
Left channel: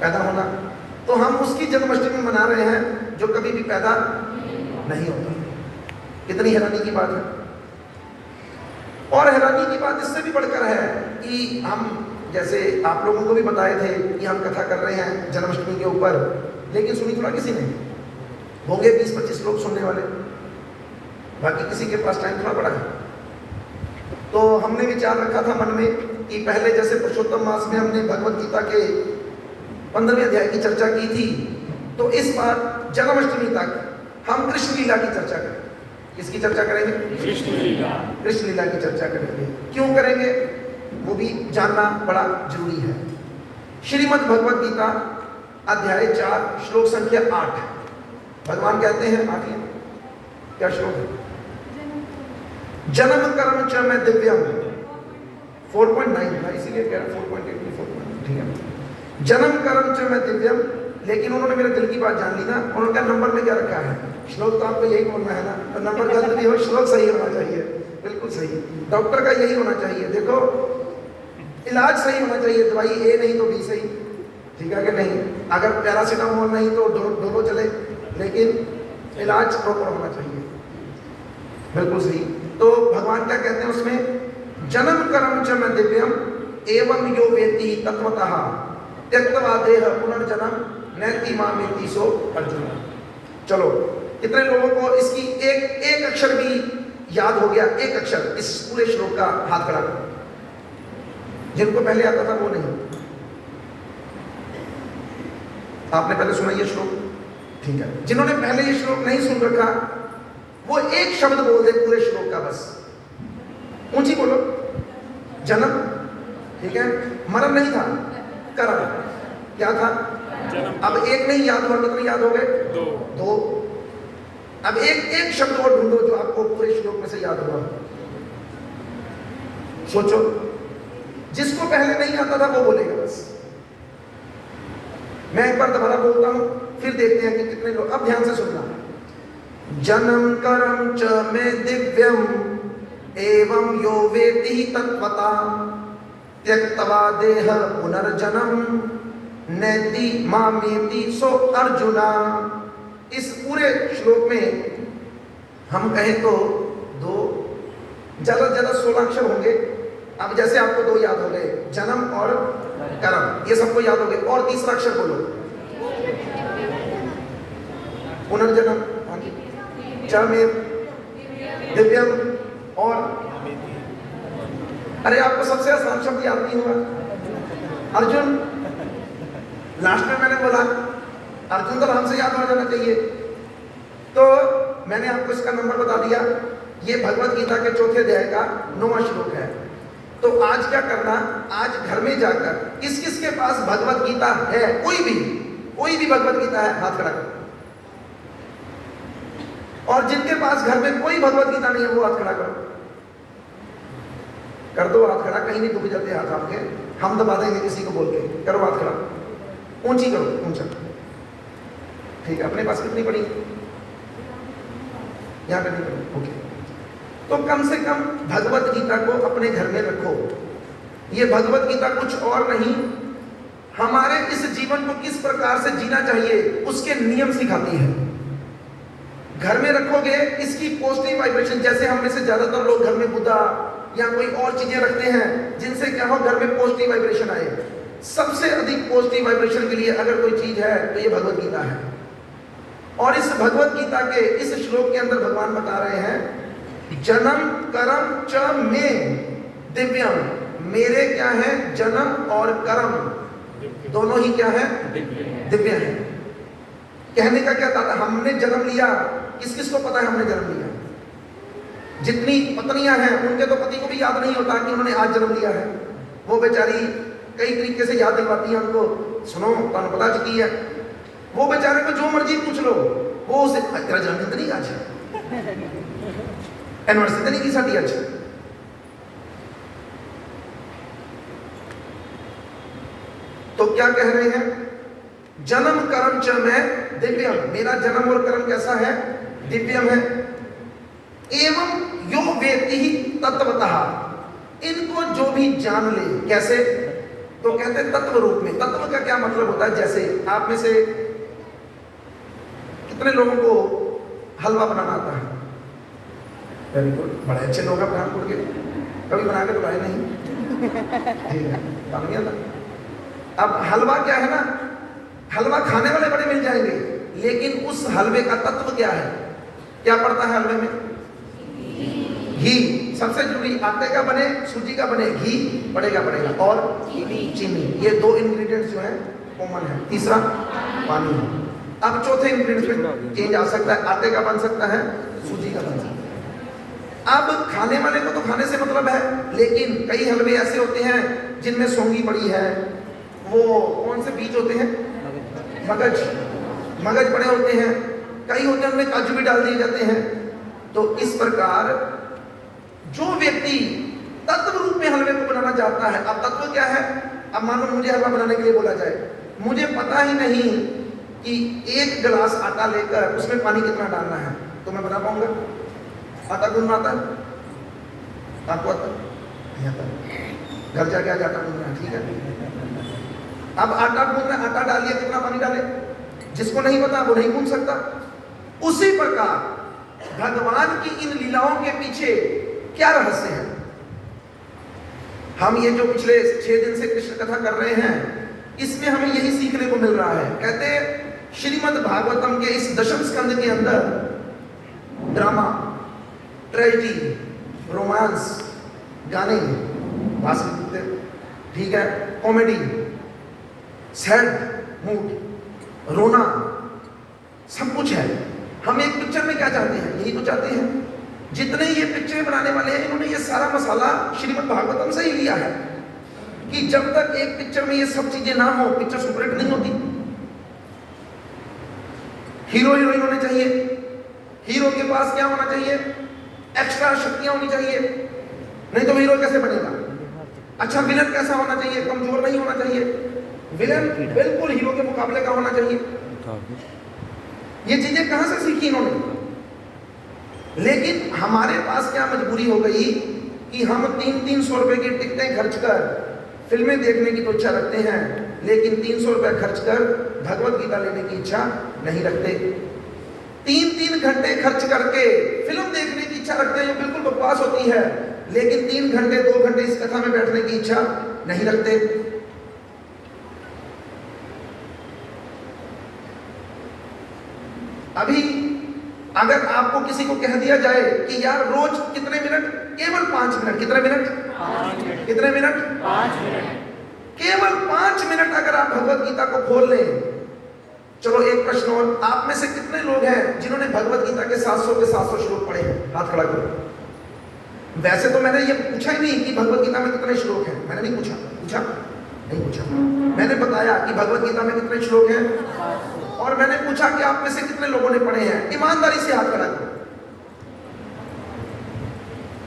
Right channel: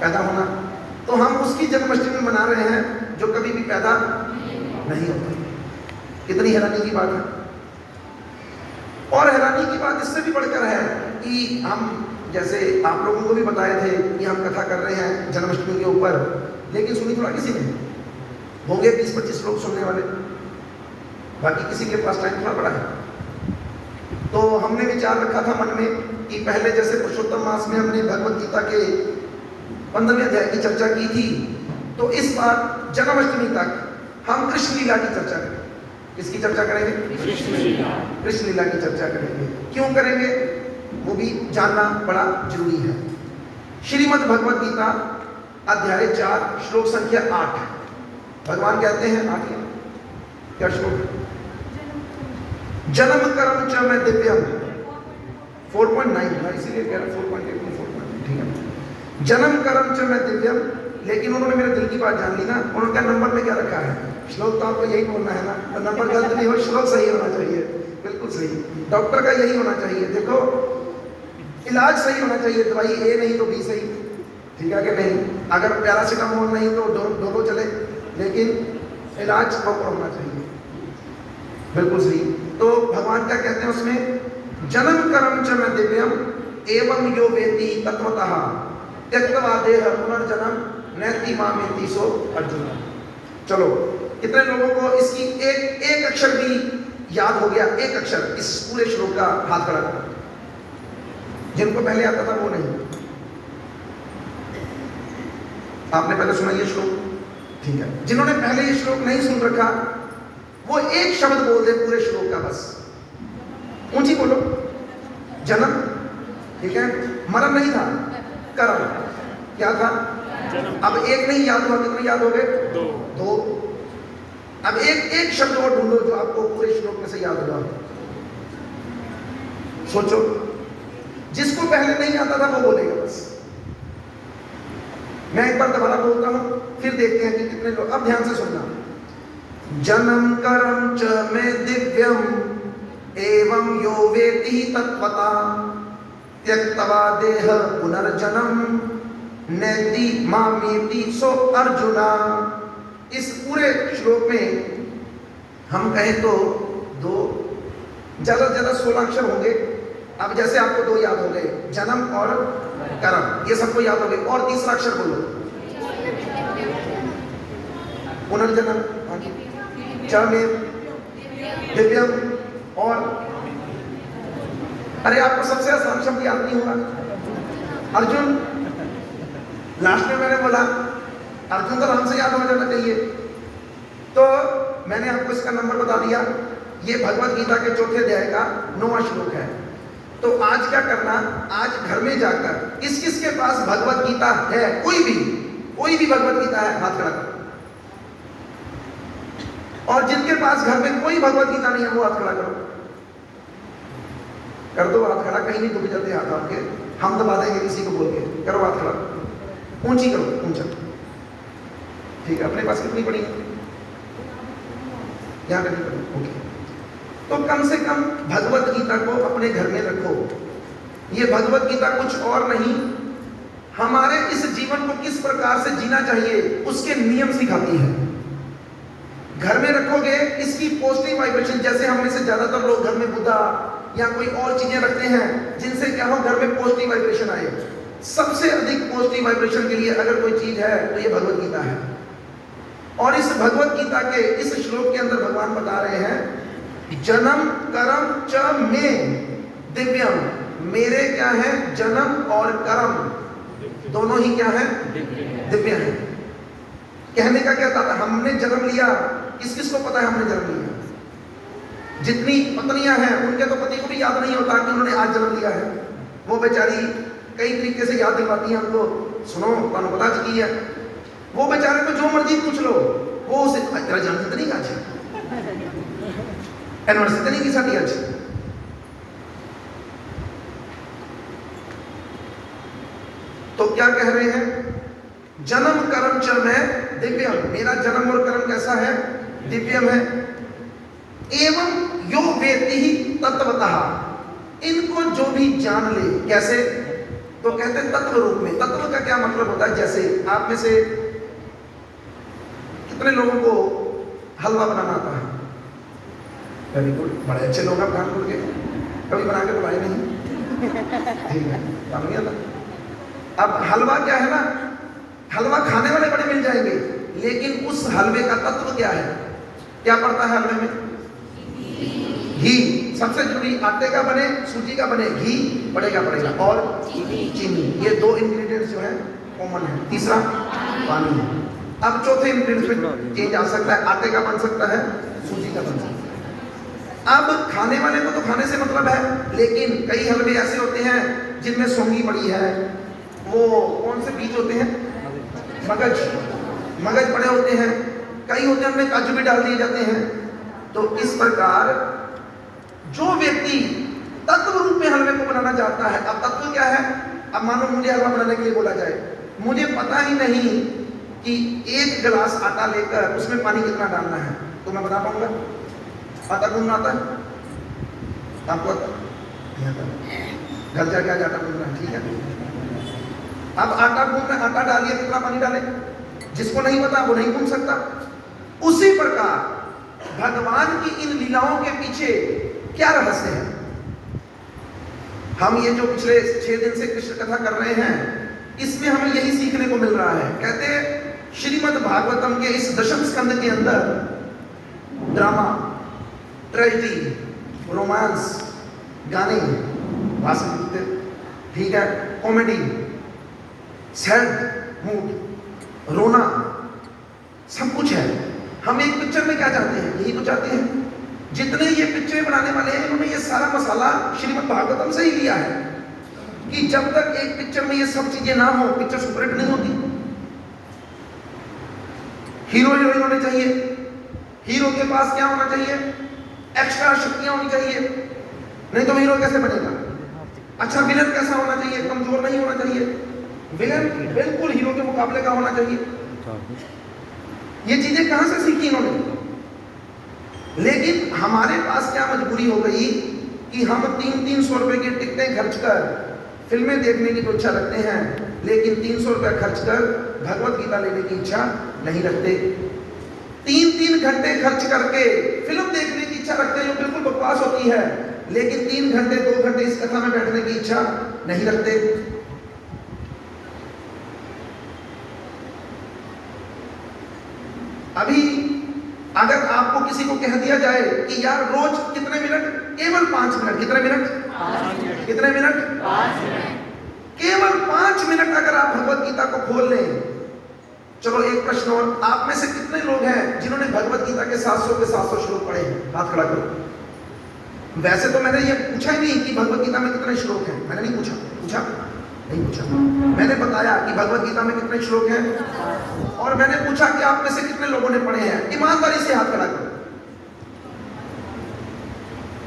पैदा होना। तो हम उसकी जन्माष्टमी मना रहे हैं जो कभी भी पैदा नहीं होता। कितनी हैरानी की बात है। और हैरानी की बात इससे भी बढ़कर है कि हम, जैसे आप लोगों को भी बताए थे कि हम कथा कर रहे हैं जन्माष्टमी के ऊपर, लेकिन सुनी थोड़ा किसी ने, होंगे 20-25 लोग सुनने वाले, बाकी किसी के पास टाइम थोड़ा बड़ा है। तो हमने विचार रखा था मन में कि पहले जैसे पुरुषोत्तम मास में हमने भगवत गीता के 15वें अध्याय की चर्चा की थी, तो इस बार जन्माष्टमी तक हम कृष्ण लीला की चर्चा करेंगे। किसकी चर्चा करेंगे? कृष्ण लीला की चर्चा करेंगे। क्यों करेंगे वो भी जानना बड़ा जरूरी है। श्रीमद् भगवत गीता अध्याय 4 श्लोक संख्या 8, भगवान कहते हैं, आगे क्या श्लोक? जन्म कर्म च मैं दिव्यम 4.9, इसीलिए कह रहा हूं 4.8 4.9, ठीक है। जन्म कर्म च मैं दिव्यम, लेकिन उन्होंने मेरे दिल की बात जान ली ना। उन्होंने नंबर में क्या रखा है? श्लोक तो आपको यही बोलना है ना, तो नंबर गलत नहीं हो, श्लोक सही होना चाहिए, बिल्कुल सही। डॉक्टर का यही होना चाहिए, देखो इलाज सही होना चाहिए, दवाई ए नहीं तो बी सही, ठीक है कि नहीं? अगर पैरासीटामोल नहीं तो डोलो चले, लेकिन इलाज प्रॉपर होना चाहिए, बिल्कुल सही। तो भगवान क्या कहते हैं उसमें? जन्म कर्म च मैं दिव्यम एवं यो वेति तत्वतः त्यक्त्वा देह पुनर्जन्म नैति मामेति सो अर्जुन। चलो, कितने लोगों को इसकी एक अक्षर भी याद हो गया? एक अक्षर इस पूरे श्लोक का हाथ खड़ा करो। जिनको पहले आता था वो नहीं, आपने पहले सुना ये श्लोक, ठीक है। जिन्होंने पहले ये श्लोक नहीं सुन रखा वो एक शब्द बोल दे पूरे श्लोक का, बस ऊंची बोलो। जन्म, ठीक है। मरण नहीं था, कर्म क्या था? अब एक नहीं याद हुआ, कितने याद हो गए? दो। अब एक शब्द और ढूंढो जो आपको पूरे श्लोक में से याद हुआ। सोचो, जिसको पहले नहीं आता था वो बोलेगा बस। मैं एक बार दोबारा बोलता हूं, फिर देखते हैं कि कितने लोग। अब ध्यान से सुनना। जन्म कर्म च में दिव्यम एवं यो वेति तत्वता त्यक्त्वा देह पुनर्जन्म नैति मामेति सो अर्जुना। इस पूरे श्लोक में हम कहें तो दो, ज्यादा से ज्यादा 16 अक्षर होंगे। अब जैसे आपको 2 याद हो गए, जन्म और कर्म, ये सबको याद हो गए। और तीसरा अक्षर बोलो, पुनर्जन्म, हाँ जी, च में दिव्यम, और अरे आपको सबसे आसान शब्द याद नहीं होगा, अर्जुन। लास्ट में मैंने बोला अर्जुन तो नाम से याद हो जाना चाहिए। तो मैंने आपको इसका नंबर बता दिया। ये भगवत गीता के 4थे अध्याय का 9वां श्लोक है। तो आज क्या करना, आज घर में जाकर किस किस के पास भगवत गीता है, कोई भी भगवत गीता है, हाथ खड़ा करो। और जिनके पास घर में कोई भगवत गीता नहीं है वो हाथ खड़ा करो। कर दो हाथ खड़ा, कहीं नहीं दुख जाते हाथ आपके, हम दबा देंगे किसी को बोल के। करो हाथ खड़ा, ऊंची करो, ऊंचा, ठीक है। अपने पास कितनी बड़ी है? यहाँ पे नहीं करो, ओके। तो कम से कम भगवत गीता को अपने घर में रखो। ये भगवत गीता कुछ और नहीं, हमारे इस जीवन को किस प्रकार से जीना चाहिए उसके नियम सिखाती है। घर में रखोगे, इसकी पॉजिटिव वाइब्रेशन, जैसे हम में से ज्यादातर लोग घर में बुद्धा या कोई और चीजें रखते हैं जिनसे क्या हो, घर में पॉजिटिव वाइब्रेशन आए। सबसे अधिक पॉजिटिव वाइब्रेशन के लिए अगर कोई चीज है तो ये भगवत गीता है। और इस भगवत गीता के इस श्लोक के अंदर भगवान बता रहे हैं, जन्म कर्म च में दिव्यम, मेरे क्या है? जन्म और कर्म दोनों ही क्या है? दिव्य है। कहने का क्या था? हमने जन्म लिया, किस किस को पता है हमने जन्म लिया? जितनी पत्नियां हैं उनके तो पति को भी याद नहीं होता कि उन्होंने आज जन्म लिया है। वो बेचारी कई तरीके से याद दिलवाती है हमको, सुनो तुम पता चुकी है। वो बेचारे को जो मर्जी पूछ लो, वो उसे तेरा जन्मदिन नहीं आज, एनिवर्सरी नहीं की साथी आज। तो क्या कह रहे हैं? जन्म कर्म च मैं दिव्यम, मेरा जन्म और कर्म कैसा है? दिव्यम है। एवं यो वेत्ति ही तत्वतः, इनको जो भी जान ले, कैसे? तो कहते हैं तत्व रूप में। तत्व का क्या मतलब होता है? जैसे आप में से कितने लोगों को हलवा बनाना आता है? वेरी गुड, बड़े अच्छे लोग हैं कानपुर के, कभी बना के तो लाए नहीं। अब हलवा क्या है ना, हलवा खाने वाले बड़े मिल जाएंगे, लेकिन उस हलवे का तत्व क्या है? क्या पड़ता है हलवे में? घी सबसे जरूरी। आटे का बने, सूजी का बने, घी पड़ेगा और चीनी। ये दो इंग्रेडिएंट्स जो है कॉमन है। तीसरा पानी। अब चौथे इंग्रेडिएंट चेंज आ सकता है, आटे का बन सकता है, सूजी का बन सकता है। अब खाने वाले को तो खाने से मतलब है, लेकिन कई हलवे ऐसे होते हैं जिनमें सौंगी पड़ी है, वो कौन से बीज होते हैं? मगज पड़े होते हैं, कई होते हैं उनमें काजू भी डाल दिए जाते हैं। तो इस प्रकार जो व्यक्ति तत्व रूप में हलवे को बनाना चाहता है, अब तत्व क्या है? अब मानो मुझे हलवा बनाने के लिए बोला जाए, मुझे पता ही नहीं कि 1 गिलास आटा लेकर उसमें पानी कितना डालना है, तो मैं बता पाऊंगा? आटा गूंदना आता? आपको आता? घर जाके आ जाता गूंदना, ठीक है। अब आटा गूंदना, आटा डालिए, कितना पानी डाले? जिसको नहीं पता वो नहीं गूंद सकता। उसी प्रकार भगवान की इन लीलाओं के पीछे क्या रहस्य है? हम ये जो पिछले 6 दिन से कृष्ण कथा कर रहे हैं, इसमें हमें यही सीखने को मिल रहा है। कहते हैं श्रीमद् भागवतम के इस दशम स्कंद के अंदर ड्रामा, ट्रेजेडी, रोमांस, गाने, भाषण, ठीक है, कॉमेडी, सैड मूड, रोना, सब कुछ है। हम एक पिक्चर में क्या चाहते हैं? यही तो चाहते हैं। जितने ये पिक्चर बनाने वाले हैं, उन्होंने ये सारा मसाला श्रीमद् भागवतम से ही लिया है कि जब तक एक पिक्चर में ये सब चीजें ना हो, पिक्चर सुपरहिट नहीं होती। हीरो हीरोइन होने चाहिए, हीरो के पास क्या होना चाहिए? एक्स्ट्रा शक्तियां होनी चाहिए, नहीं तो हीरो कैसे बनेगा? अच्छा, विलन कैसा होना चाहिए? कमजोर नहीं होना चाहिए, विलन बिल्कुल हीरो के मुकाबले का होना चाहिए। ये चीजें कहां से सीखी इन्होंने? लेकिन हमारे पास क्या मजबूरी हो गई कि हम 300 रुपए की टिकटें खर्च कर फिल्में देखने की इच्छा रखते हैं, लेकिन 300 रुपए खर्च कर भगवत गीता लेने की इच्छा नहीं रखते। 3 घंटे खर्च करके फिल्म देखने की इच्छा रखते हैं, जो बिल्कुल बकवास होती है, लेकिन 3 घंटे 2 घंटे इस कथा में बैठने की इच्छा नहीं रखते। अभी अगर आपको किसी को कह दिया जाए कि यार रोज कितने मिनट? केवल 5 मिनट। कितने मिनट? 5 मिनट। कितने मिनट? 5 मिनट। केवल 5 मिनट अगर आप भगवत गीता को खोल लें। चलो एक प्रश्न और, आप में से कितने लोग हैं जिन्होंने भगवत गीता के 700 के 700 श्लोक पढ़े हैं? हाथ खड़ा करो। वैसे तो मैंने ये पूछा ही नहीं कि भगवत गीता में कितने श्लोक हैं, मैंने नहीं पूछा। नहीं पूछा। मैंने बताया कि भगवत गीता में कितने श्लोक हैं, और मैंने पूछा कि आप में से कितने लोगों ने पढ़े हैं। ईमानदारी से हाथ खड़ा करो।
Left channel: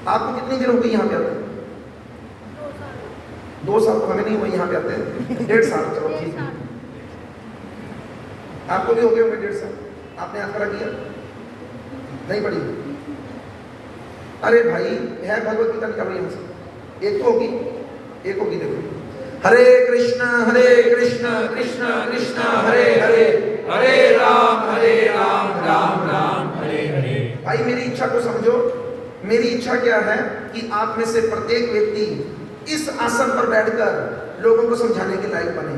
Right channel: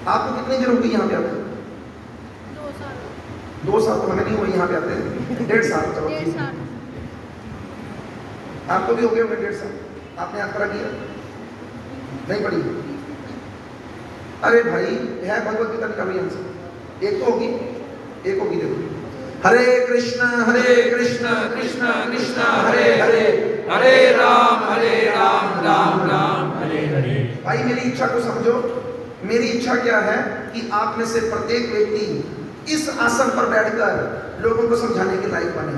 आपको कितनी देर हो गई यहाँ पे आते? 2 साल तो हमें नहीं हुआ यहाँ पे आते, 1.5 साल। चलो ठीक है, आपको भी हो गए होंगे 1.5 साल। आपने हाथ खड़ा किया? नहीं पढ़ी? अरे भाई है भगवत गीता का भी हमसे एक तो होगी, एक होगी। देखो, हरे कृष्णा कृष्णा कृष्णा हरे हरे, हरे राम राम राम हरे हरे। भाई मेरी इच्छा को समझो। मेरी इच्छा क्या है कि आप में से प्रत्येक व्यक्ति इस आसन पर बैठकर लोगों को समझाने के लायक बने।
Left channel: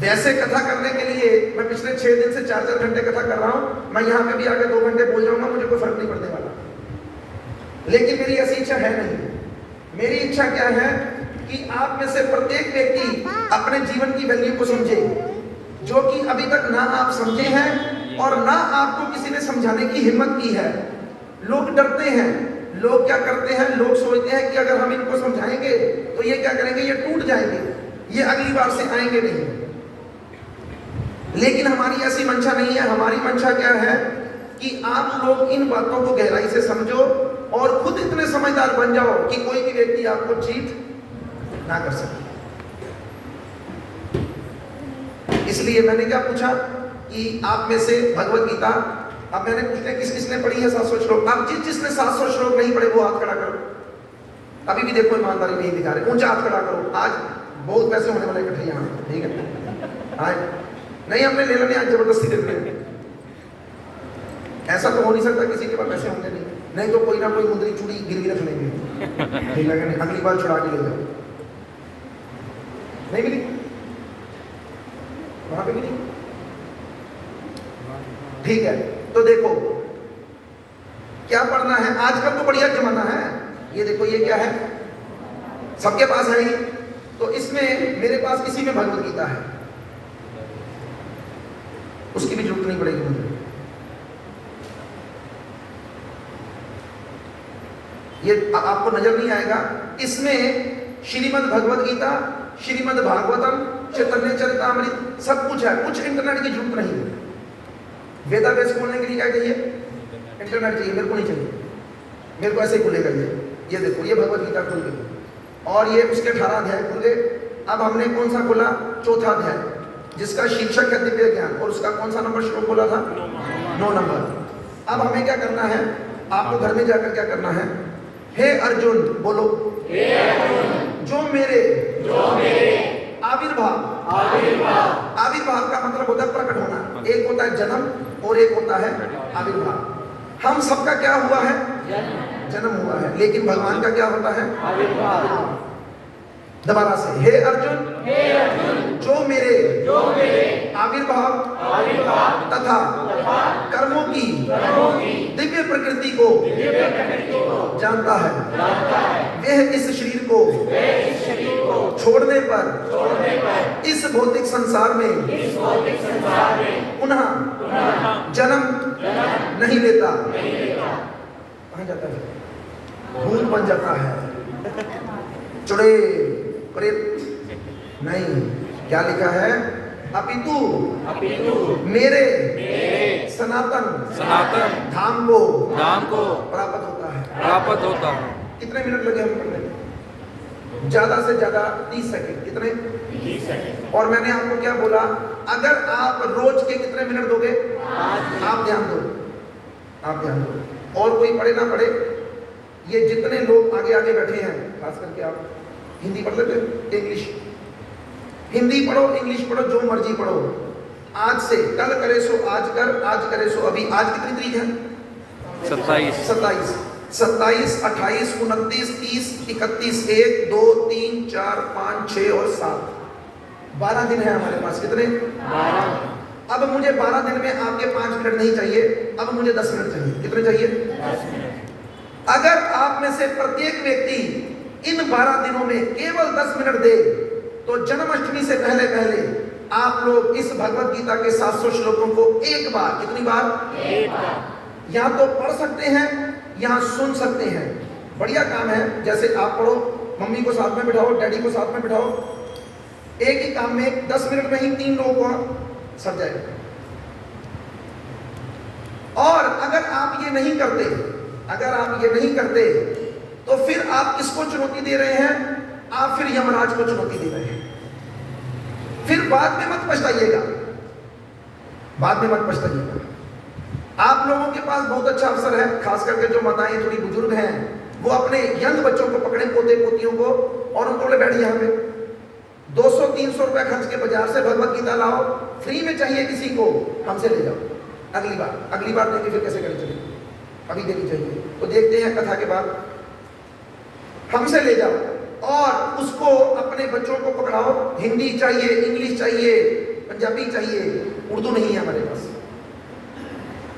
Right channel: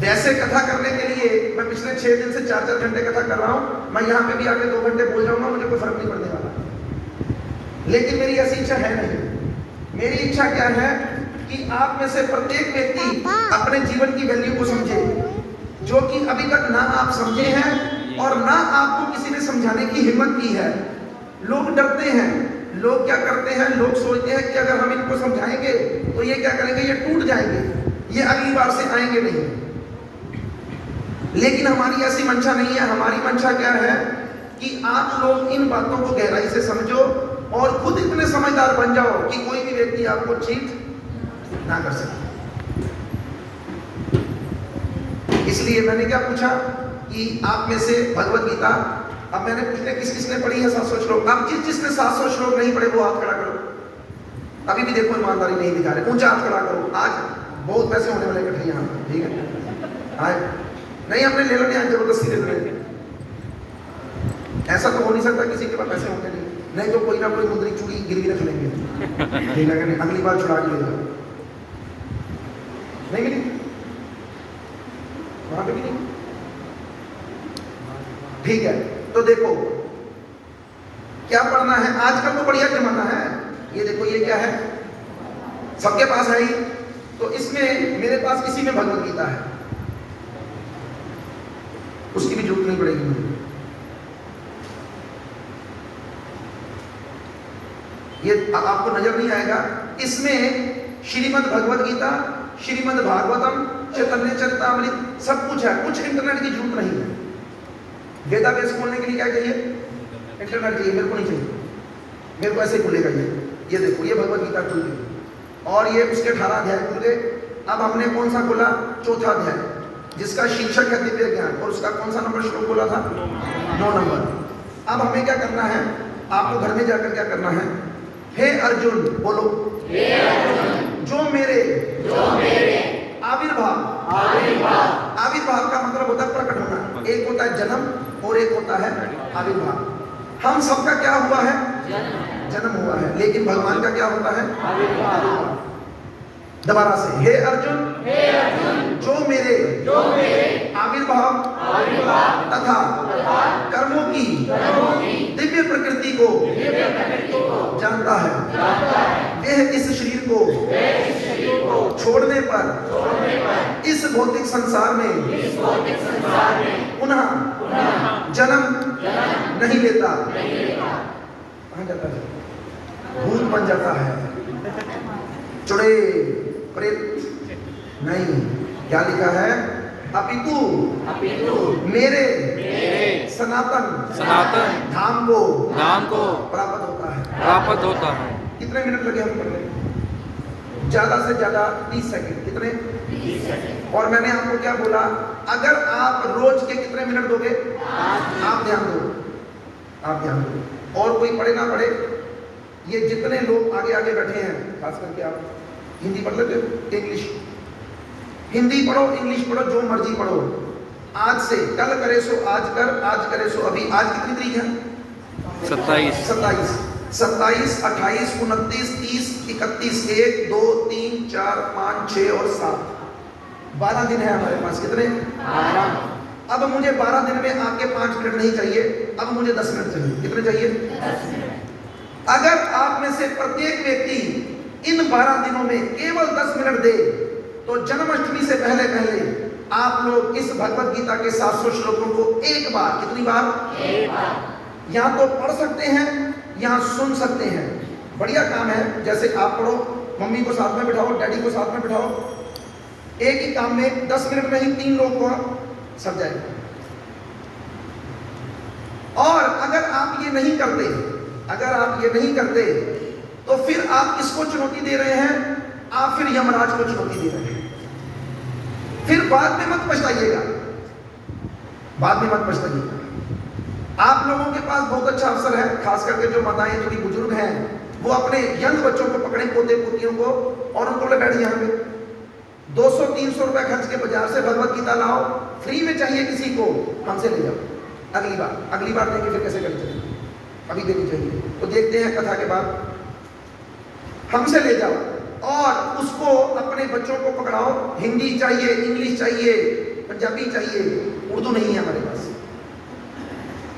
वैसे कथा करने के लिए मैं पिछले 6 दिन से 4-4 घंटे कथा कर रहा हूं। मैं यहाँ पे भी आगे 2 घंटे बोल जाऊंगा, मुझे कोई फर्क नहीं पड़ने वाला। लेकिन मेरी ऐसी इच्छा है नहीं। मेरी इच्छा क्या है कि आप में से प्रत्येक व्यक्ति अपने जीवन की वैल्यू को समझे, जो कि अभी तक ना आप समझे हैं और ना आपको किसी ने समझाने की हिम्मत की है। लोग डरते हैं। लोग क्या करते हैं? लोग सोचते हैं कि अगर हम इनको समझाएंगे तो ये क्या करेंगे? ये टूट जाएंगे, ये अगली बार से आएंगे नहीं। लेकिन हमारी ऐसी मंशा नहीं है। हमारी मंशा क्या है कि आप लोग इन बातों को गहराई से समझो और खुद इतने समझदार बन जाओ कि कोई भी व्यक्ति आपको चीट ना कर सके। इसलिए मैंने क्या पूछा कि आप में से भगवत गीता, अब मैंने पूछा किस किसने पढ़ी है 700 श्लोक। अब जिसने 700 श्लोक नहीं पढ़े वो हाथ खड़ा करो। अभी भी देखो ईमानदारी नहीं दिखा रहे, ऊंचा हाथ खड़ा करो। आज बहुत पैसे होने वाले इकट्ठे यहाँ, ठीक है? आज नहीं हमने ले लेने, आज जबरदस्ती ले लेंगे। ऐसा तो हो नहीं सकता किसी के पास पैसे होंगे नहीं तो कोई ना कोई मुद्री चूड़ी गिरवी रख लेंगे, ठीक है? अगली बार चुरा के ले जाओ। नहीं मिली वहां पे भी नहीं, ठीक है? तो देखो क्या पढ़ना है। आजकल तो बढ़िया जमाना है, ये देखो ये क्या है, सबके पास है ही। तो इसमें मेरे पास इसी में भगवत गीता है, उसकी भी जरूरत नहीं पड़ेगी मुझे। ये आपको नजर नहीं आएगा, इसमें श्रीमद् भगवत गीता, श्रीमद् भागवतम, चैतन्य चरितामृत सब कुछ है। कुछ इंटरनेट की जरूरत नहीं है। वेदावेस खोलने के लिए क्या चाहिए? इंटरनेट चाहिए, मेरे को नहीं चाहिए। मेरे को ऐसे खुलेगा ये देखो ये भगवत गीता खुल गई और ये उसके 18 अध्याय खुल गए। अब हमने कौन सा खोला? चौथा अध्याय, जिसका शीर्षक है दिव्य ज्ञान, और उसका कौन सा नंबर श्लोक खोला था? 9 नंबर। अब हमें क्या करना है? आपको घर में जाकर क्या करना है? हे अर्जुन, बोलो हे अर्जुन, जो मेरे आविर्भाव, आविर्भाव का मतलब होता है प्रकट होना। एक होता है जन्म और एक होता है आविर्भाव। हम सबका क्या हुआ है? जन्म हुआ है, लेकिन भगवान का क्या होता है? आविर्भाव। दोबारा से, हे अर्जुन, जो मेरे आविर्भाव तथा कर्मों की दिव्य प्रकृति को जानता है, वह इस शरीर को छोड़ने पर इस भौतिक संसार में पुनः जन्म नहीं लेता। कहाँ जाता है? भूत बन जाता है, चुड़े प्रेत नहीं। क्या लिखा है? अपितु मेरे सनातन धाम को प्राप्त होता है। कितने मिनट लगे हम पढ़ने? ज्यादा से ज्यादा 30 सेकंड। कितने? 30 सेकंड। और मैंने आपको क्या बोला? अगर आप रोज के कितने मिनट दोगे? आप ध्यान दो। और कोई पढ़े ना पढ़े, ये जितने लोग आगे आगे बैठे हैं, खास करके आप हिंदी पढ़ लेते हो? इंग्लिश, हिंदी पढ़ो, इंग्लिश पढ़ो, जो मर्जी पढ़ो। आज से कल करे सो आज कर, आज करे सो अभी। आज कितनी तारीख है? 27, 28, 29, 30, 31, 1, 2, 3, 4, 5, 6 और 7, 12 दिन है हमारे पास। कितने? 12। अब मुझे 12 दिन में आपके 5 मिनट नहीं चाहिए, अब मुझे 10 मिनट चाहिए। कितने चाहिए? 10 मिनट। अगर आप में से प्रत्येक व्यक्ति इन 12 दिनों में केवल 10 मिनट दे, तो जन्माष्टमी से पहले आप लोग इस भगवत गीता के 700 श्लोकों को एक बार, कितनी बार? एक बार। यहाँ तो पढ़ सकते हैं, यहाँ सुन सकते हैं। बढ़िया काम है। जैसे आप पढ़ो, मम्मी को साथ में बिठाओ, डैडी को साथ में बिठाओ, एक ही काम में 10 मिनट में ही 3 लोगों को सर जाएगा। और अगर आप ये नहीं करते, तो फिर आप किसको चुनौती दे रहे हैं? आप फिर यमराज को चुनौती दे रहे हैं। फिर बाद में मत पछताइएगा। आप लोगों के पास बहुत अच्छा अवसर है, खास करके जो माताएं थोड़ी बुजुर्ग हैं, वो अपने यंग बच्चों को पकड़े, पोते पोतियों को, और उनको ले बैठ यहाँ पे 200-300 रुपए खर्च के बाजार से भगवत गीता लाओ, फ्री में चाहिए किसी को, हमसे ले जाओ। अगली बार देंगे, फिर कैसे करनी चाहिए? अभी देनी चाहिए। तो देखते हैं कथा के बाद। हमसे ले जाओ और उसको अपने बच्चों को पकड़ाओ। हिंदी चाहिए, इंग्लिश चाहिए, पंजाबी चाहिए, उर्दू नहीं है हमारे पास।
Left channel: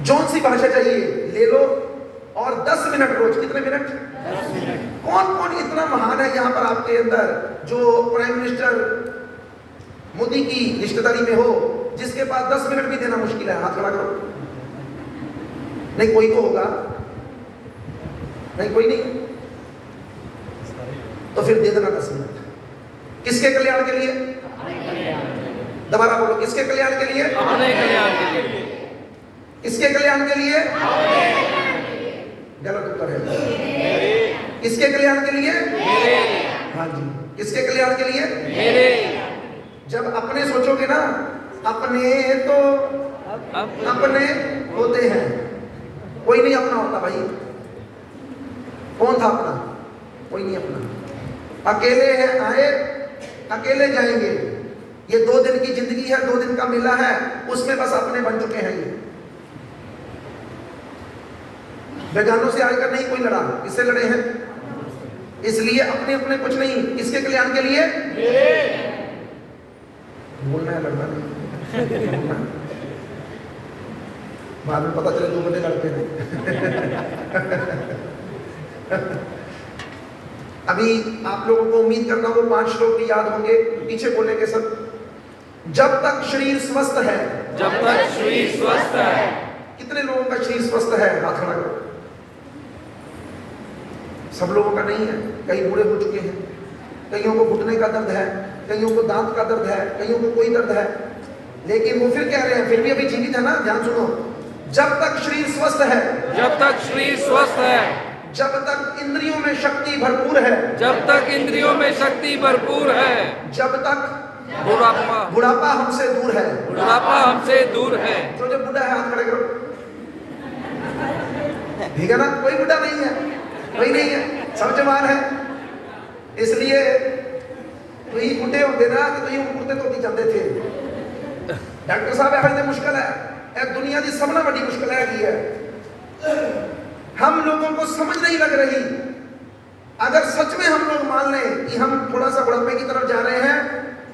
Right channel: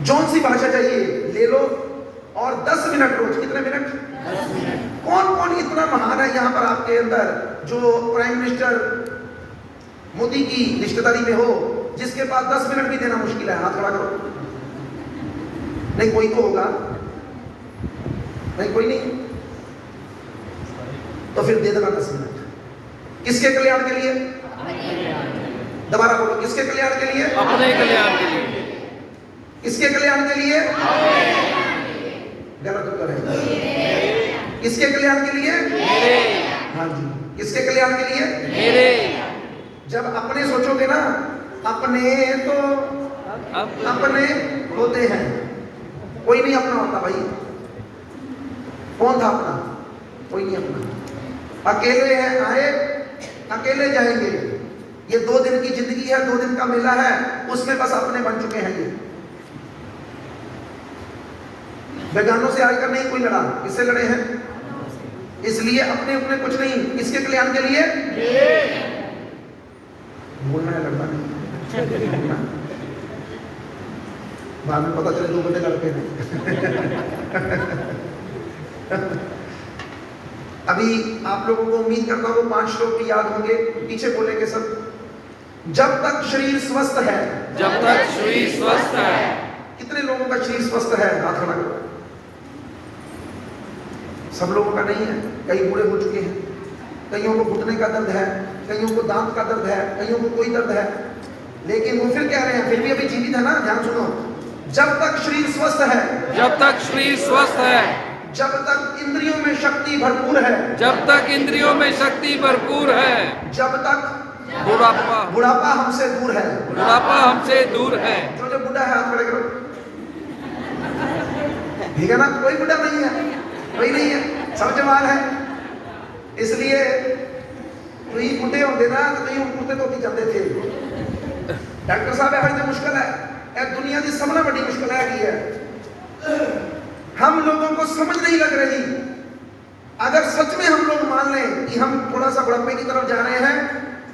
जौन सी भाषा चाहिए ले लो, और 10 मिनट रोज। कितने मिनट? 10 मिनट। कौन इतना महान है यहाँ पर आपके अंदर, जो प्राइम मिनिस्टर मोदी की रिश्तेदारी में हो, जिसके पास 10 मिनट भी देना मुश्किल है? हाथ खड़ा करो। नहीं, कोई तो होगा। नहीं, कोई नहीं। तो फिर दे देना 10 मिनट। किसके कल्याण के लिए? दोबारा बोलो, किसके कल्याण के लिए? अपने कल्याण के लिए। किसके कल्याण के लिए? गलत उत्तर है। किसके कल्याण के लिए? मेरे। हाँ जी, किसके कल्याण के लिए? मेरे। जब अपने सोचोगे ना, अपने तो अपने होते हैं। कोई नहीं अपना होता भाई। कौन था अपना? कोई नहीं अपना। अकेले हैं आए, अकेले जाएंगे। ये 2 दिन की जिंदगी है, 2 दिन का मेला है, उसमें बस अपने बन चुके हैं ये। बेगानों से आजकल नहीं कोई लड़ा, किससे लड़े हैं? इसलिए अपने अपने कुछ नहीं, इसके कल्याण के लिए बोलना है, लड़ना नहीं। बाद में पता चले 2 बजे लड़ते हैं। अभी आप लोगों को उम्मीद करता हूँ 5 श्लोक भी याद होंगे, पीछे बोलेंगे सब। जब तक शरीर स्वस्थ है, जब तक शरीर स्वस्थ है। कितने लोगों का शरीर स्वस्थ है? हाथ खड़ा करो। सब लोगों का नहीं है, कई बूढ़े हो चुके हैं, कईयों को घुटने का दर्द है, कईयों को दांत का दर्द है, कईयों को कोई दर्द है, लेकिन वो फिर कह रहे हैं फिर भी अभी जीवित है ना। ध्यान सुनो, जब तक शरीर स्वस्थ है, जब तक शरीर स्वस्थ है, जब तक इंद्रियों में शक्ति भरपूर है, जब तक इंद्रियों में शक्ति भरपूर है, जब तक बुढ़ापा हमसे दूर है। बुढ़ापा हमसे दूर है। तो जो बुढ़ा है हाथ खड़े करो। ठीक है ना? कोई बुढ़ा नहीं है, कोई नहीं है, सब जवान है। इसलिए कोई बुढ़े होते ना तो नहीं बुढ़े तो की चलते थे। डॉक्टर साहब है जो मुश्किल है दुनिया की सबसे बड़ी मुश्किल है हम लोगों को समझ नहीं लग रही। अगर सच में हम लोग मान लें कि हम थोड़ा सा बुढ़ापे की तरफ जा रहे हैं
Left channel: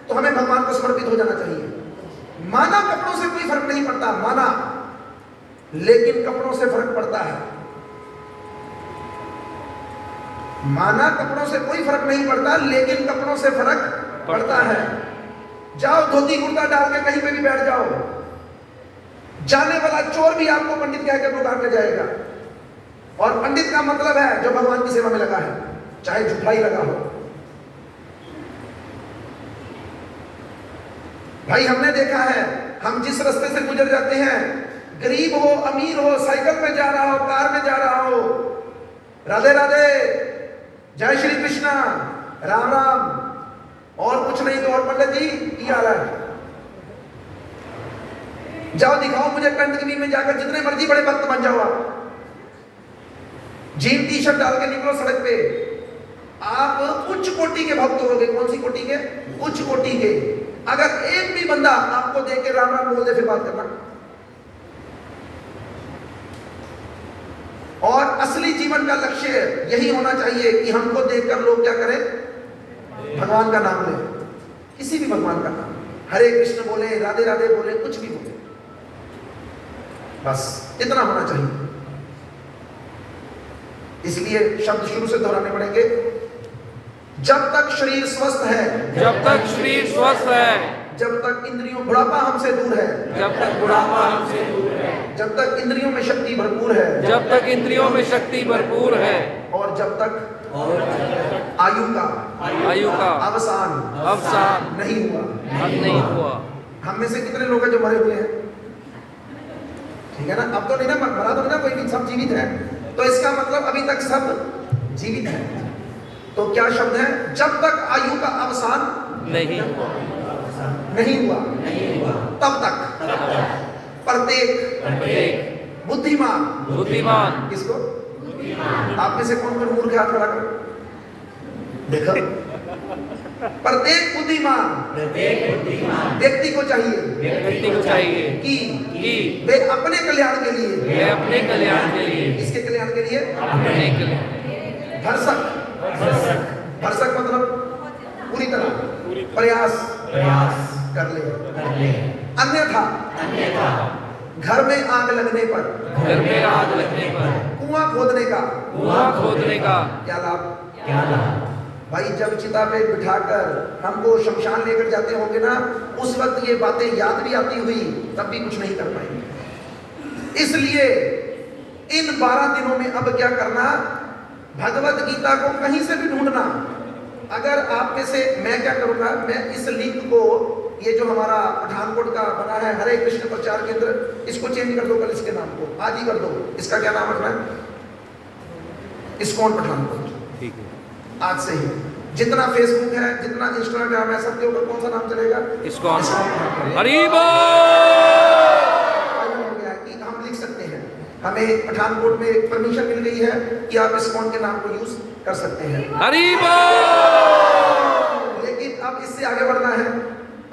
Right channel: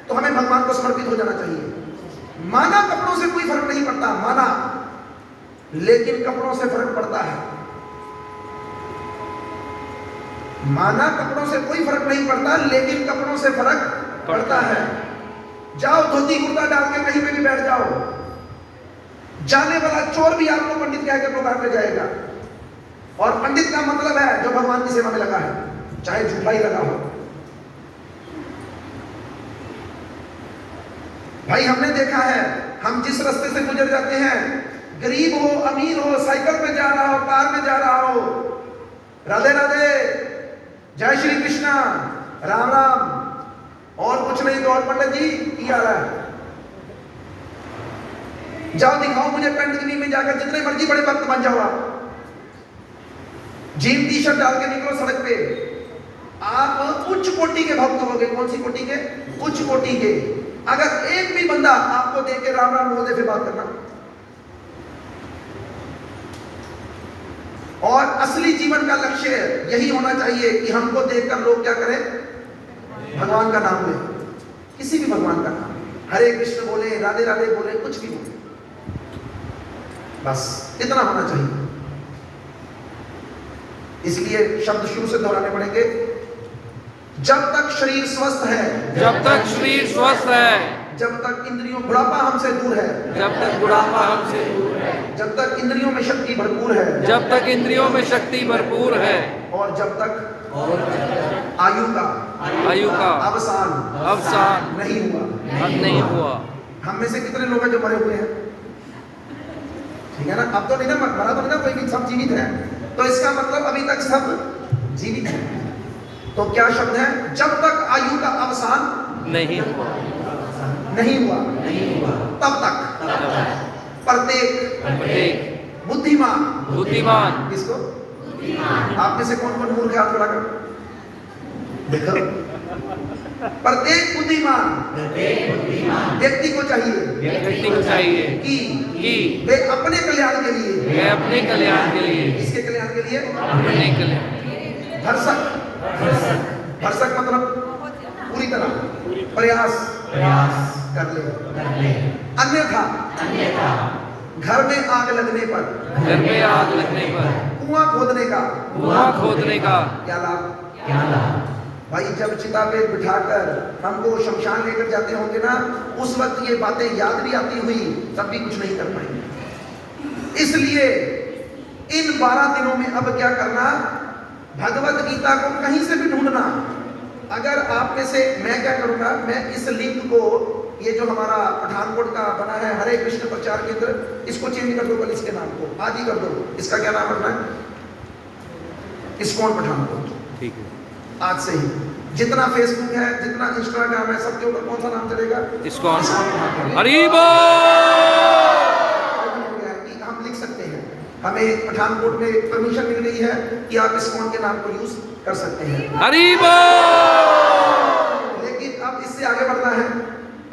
तो हमें भगवान को समर्पित हो जाना चाहिए। माना कपड़ों से कोई फर्क नहीं पड़ता, माना, लेकिन कपड़ों से फर्क पड़ता है। माना कपड़ों से कोई फर्क नहीं पड़ता, लेकिन कपड़ों से फर्क पड़ता है। जाओ धोती कुर्ता डाल के कहीं पे भी बैठ जाओ, जाने वाला चोर भी आपको पंडित कह के पुकारने जाएगा। और पंडित का मतलब है जो भगवान की सेवा में लगा है, चाहे झूठा ही लगा हो। भाई हमने देखा है, हम जिस रास्ते से गुजर जाते हैं, गरीब हो अमीर हो, साइकिल में जा रहा हो, कार में जा रहा हो, राधे राधे, जय श्री कृष्णा, राम राम, और कुछ नहीं तो और पंडित जी क्या हाल है? जाओ दिखाओ मुझे कंटकनी में जाकर, जितने मर्जी बड़े भक्त बन जाओ आप, जीन टी शर्ट डाल के निकलो सड़क पे, आप उच्च कोटि के भक्त होगे। कौन सी कोटि के? उच्च कोटि के। अगर एक भी बंदा आपको देख के राम राम बोल दे, फिर बात करना। और असली जीवन का लक्ष्य यही होना चाहिए कि हमको देखकर लोग क्या करें? भगवान का नाम लें, किसी भी भगवान का नाम, हरे कृष्ण बोले, राधे राधे बोले, कुछ भी बोले, बस इतना होना चाहिए। इसलिए शब्द शुरू से दोहराने पड़ेंगे। जब तक शरीर स्वस्थ है, जब तक शरीर स्वस्थ है, जब तक इंद्रियों बुढ़ापा हमसे दूर है, जब तक बुढ़ापा हमसे दूर है, जब तक इंद्रियों में शक्ति भरपूर है, जब तक इंद्रियों में शक्ति भरपूर है, और जब तक आयु का अवसान नहीं हुआ। हम में से कितने लोग हैं जो मरे हुए हैं? ठीक है ना? अब तो नहीं ना, मरा तो ना कोई भी, सब जीवित है। तो इसका मतलब अभी तक सब जीवित है। तो क्या शब्द है? जब तक आयु का अवसान नहीं हुआ, तब तक प्रत्येक बुद्धिमान किसको? आप में से कौन कौन मूर्ख हाथ खड़ा करो? देखो, प्रत्येक बुद्धिमान व्यक्ति को चाहिए कि वे अपने कल्याण के लिए, किसके कल्याण के लिए? अपने कल्याण। भरसक मतलब पूरी तरह प्रयास कर ले। अन्यथा घर में आग लगने पर कुआं खोदने का क्या लाभ? भाई जब चिता पे बिठाकर हमको शमशान लेकर जाते होंगे ना, उस वक्त ये बातें याद भी आती हुई तब भी कुछ नहीं कर पाएंगे। इसलिए इन 12 दिनों में अब क्या करना? भगवत गीता को कहीं से भी ढूंढना। अगर आप में से, मैं क्या करूंगा, मैं इस लिंक को, ये जो हमारा पठानकोट का बना है हरे कृष्ण प्रचार केंद्र, इसको चेंज कर दो कल, इसके नाम को आदि कर दो। इसका क्या नाम रखना है? इस्कॉन पठानकोट। ठीक है। आज से ही जितना फेसबुक है, जितना इंस्टाग्राम है, सबके ऊपर कौन सा नाम चलेगा? इस्कॉन। इस्कॉन। हरि बोल। कि हम लिख सकते हैं, हमें पठानकोट में परमिशन मिल गई है कि आप इस्कॉन के नाम को यूज कर सकते हैं। हरि बोल। लेकिन अब इससे आगे बढ़ना है।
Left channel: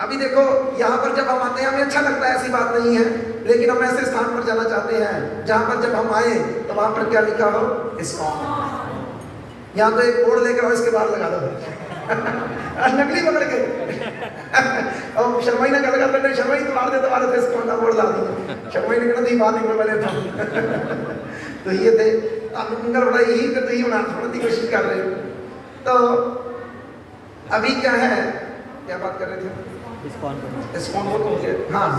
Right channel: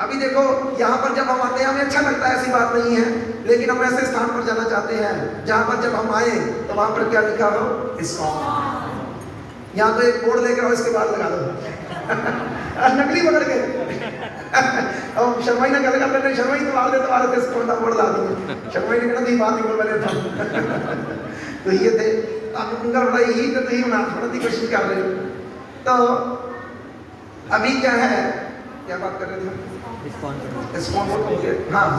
अभी देखो यहाँ पर जब हम आते हैं हमें अच्छा लगता है, ऐसी बात नहीं है, लेकिन हम ऐसे स्थान पर जाना चाहते हैं जहाँ पर जब हम आए तो वहाँ पर क्या लिखा हो? इस्कॉन। यहाँ तो एक बोर्ड लेकर और इसके बाद लगा दो नकली पकड़ के और शर्मा ने गल कर लेते, शर्मा तुम्हारे दे तुम्हारे फेस कौन सा बोर्ड ला दूंगा, शर्मा ने कहना नहीं बात नहीं पहले तो ये थे अब उनका बड़ा यही तो नहीं होना की कोशिश कर रहे। तो अभी क्या है, क्या बात कर रहे थे? इस्कॉन हो गया। हाँ,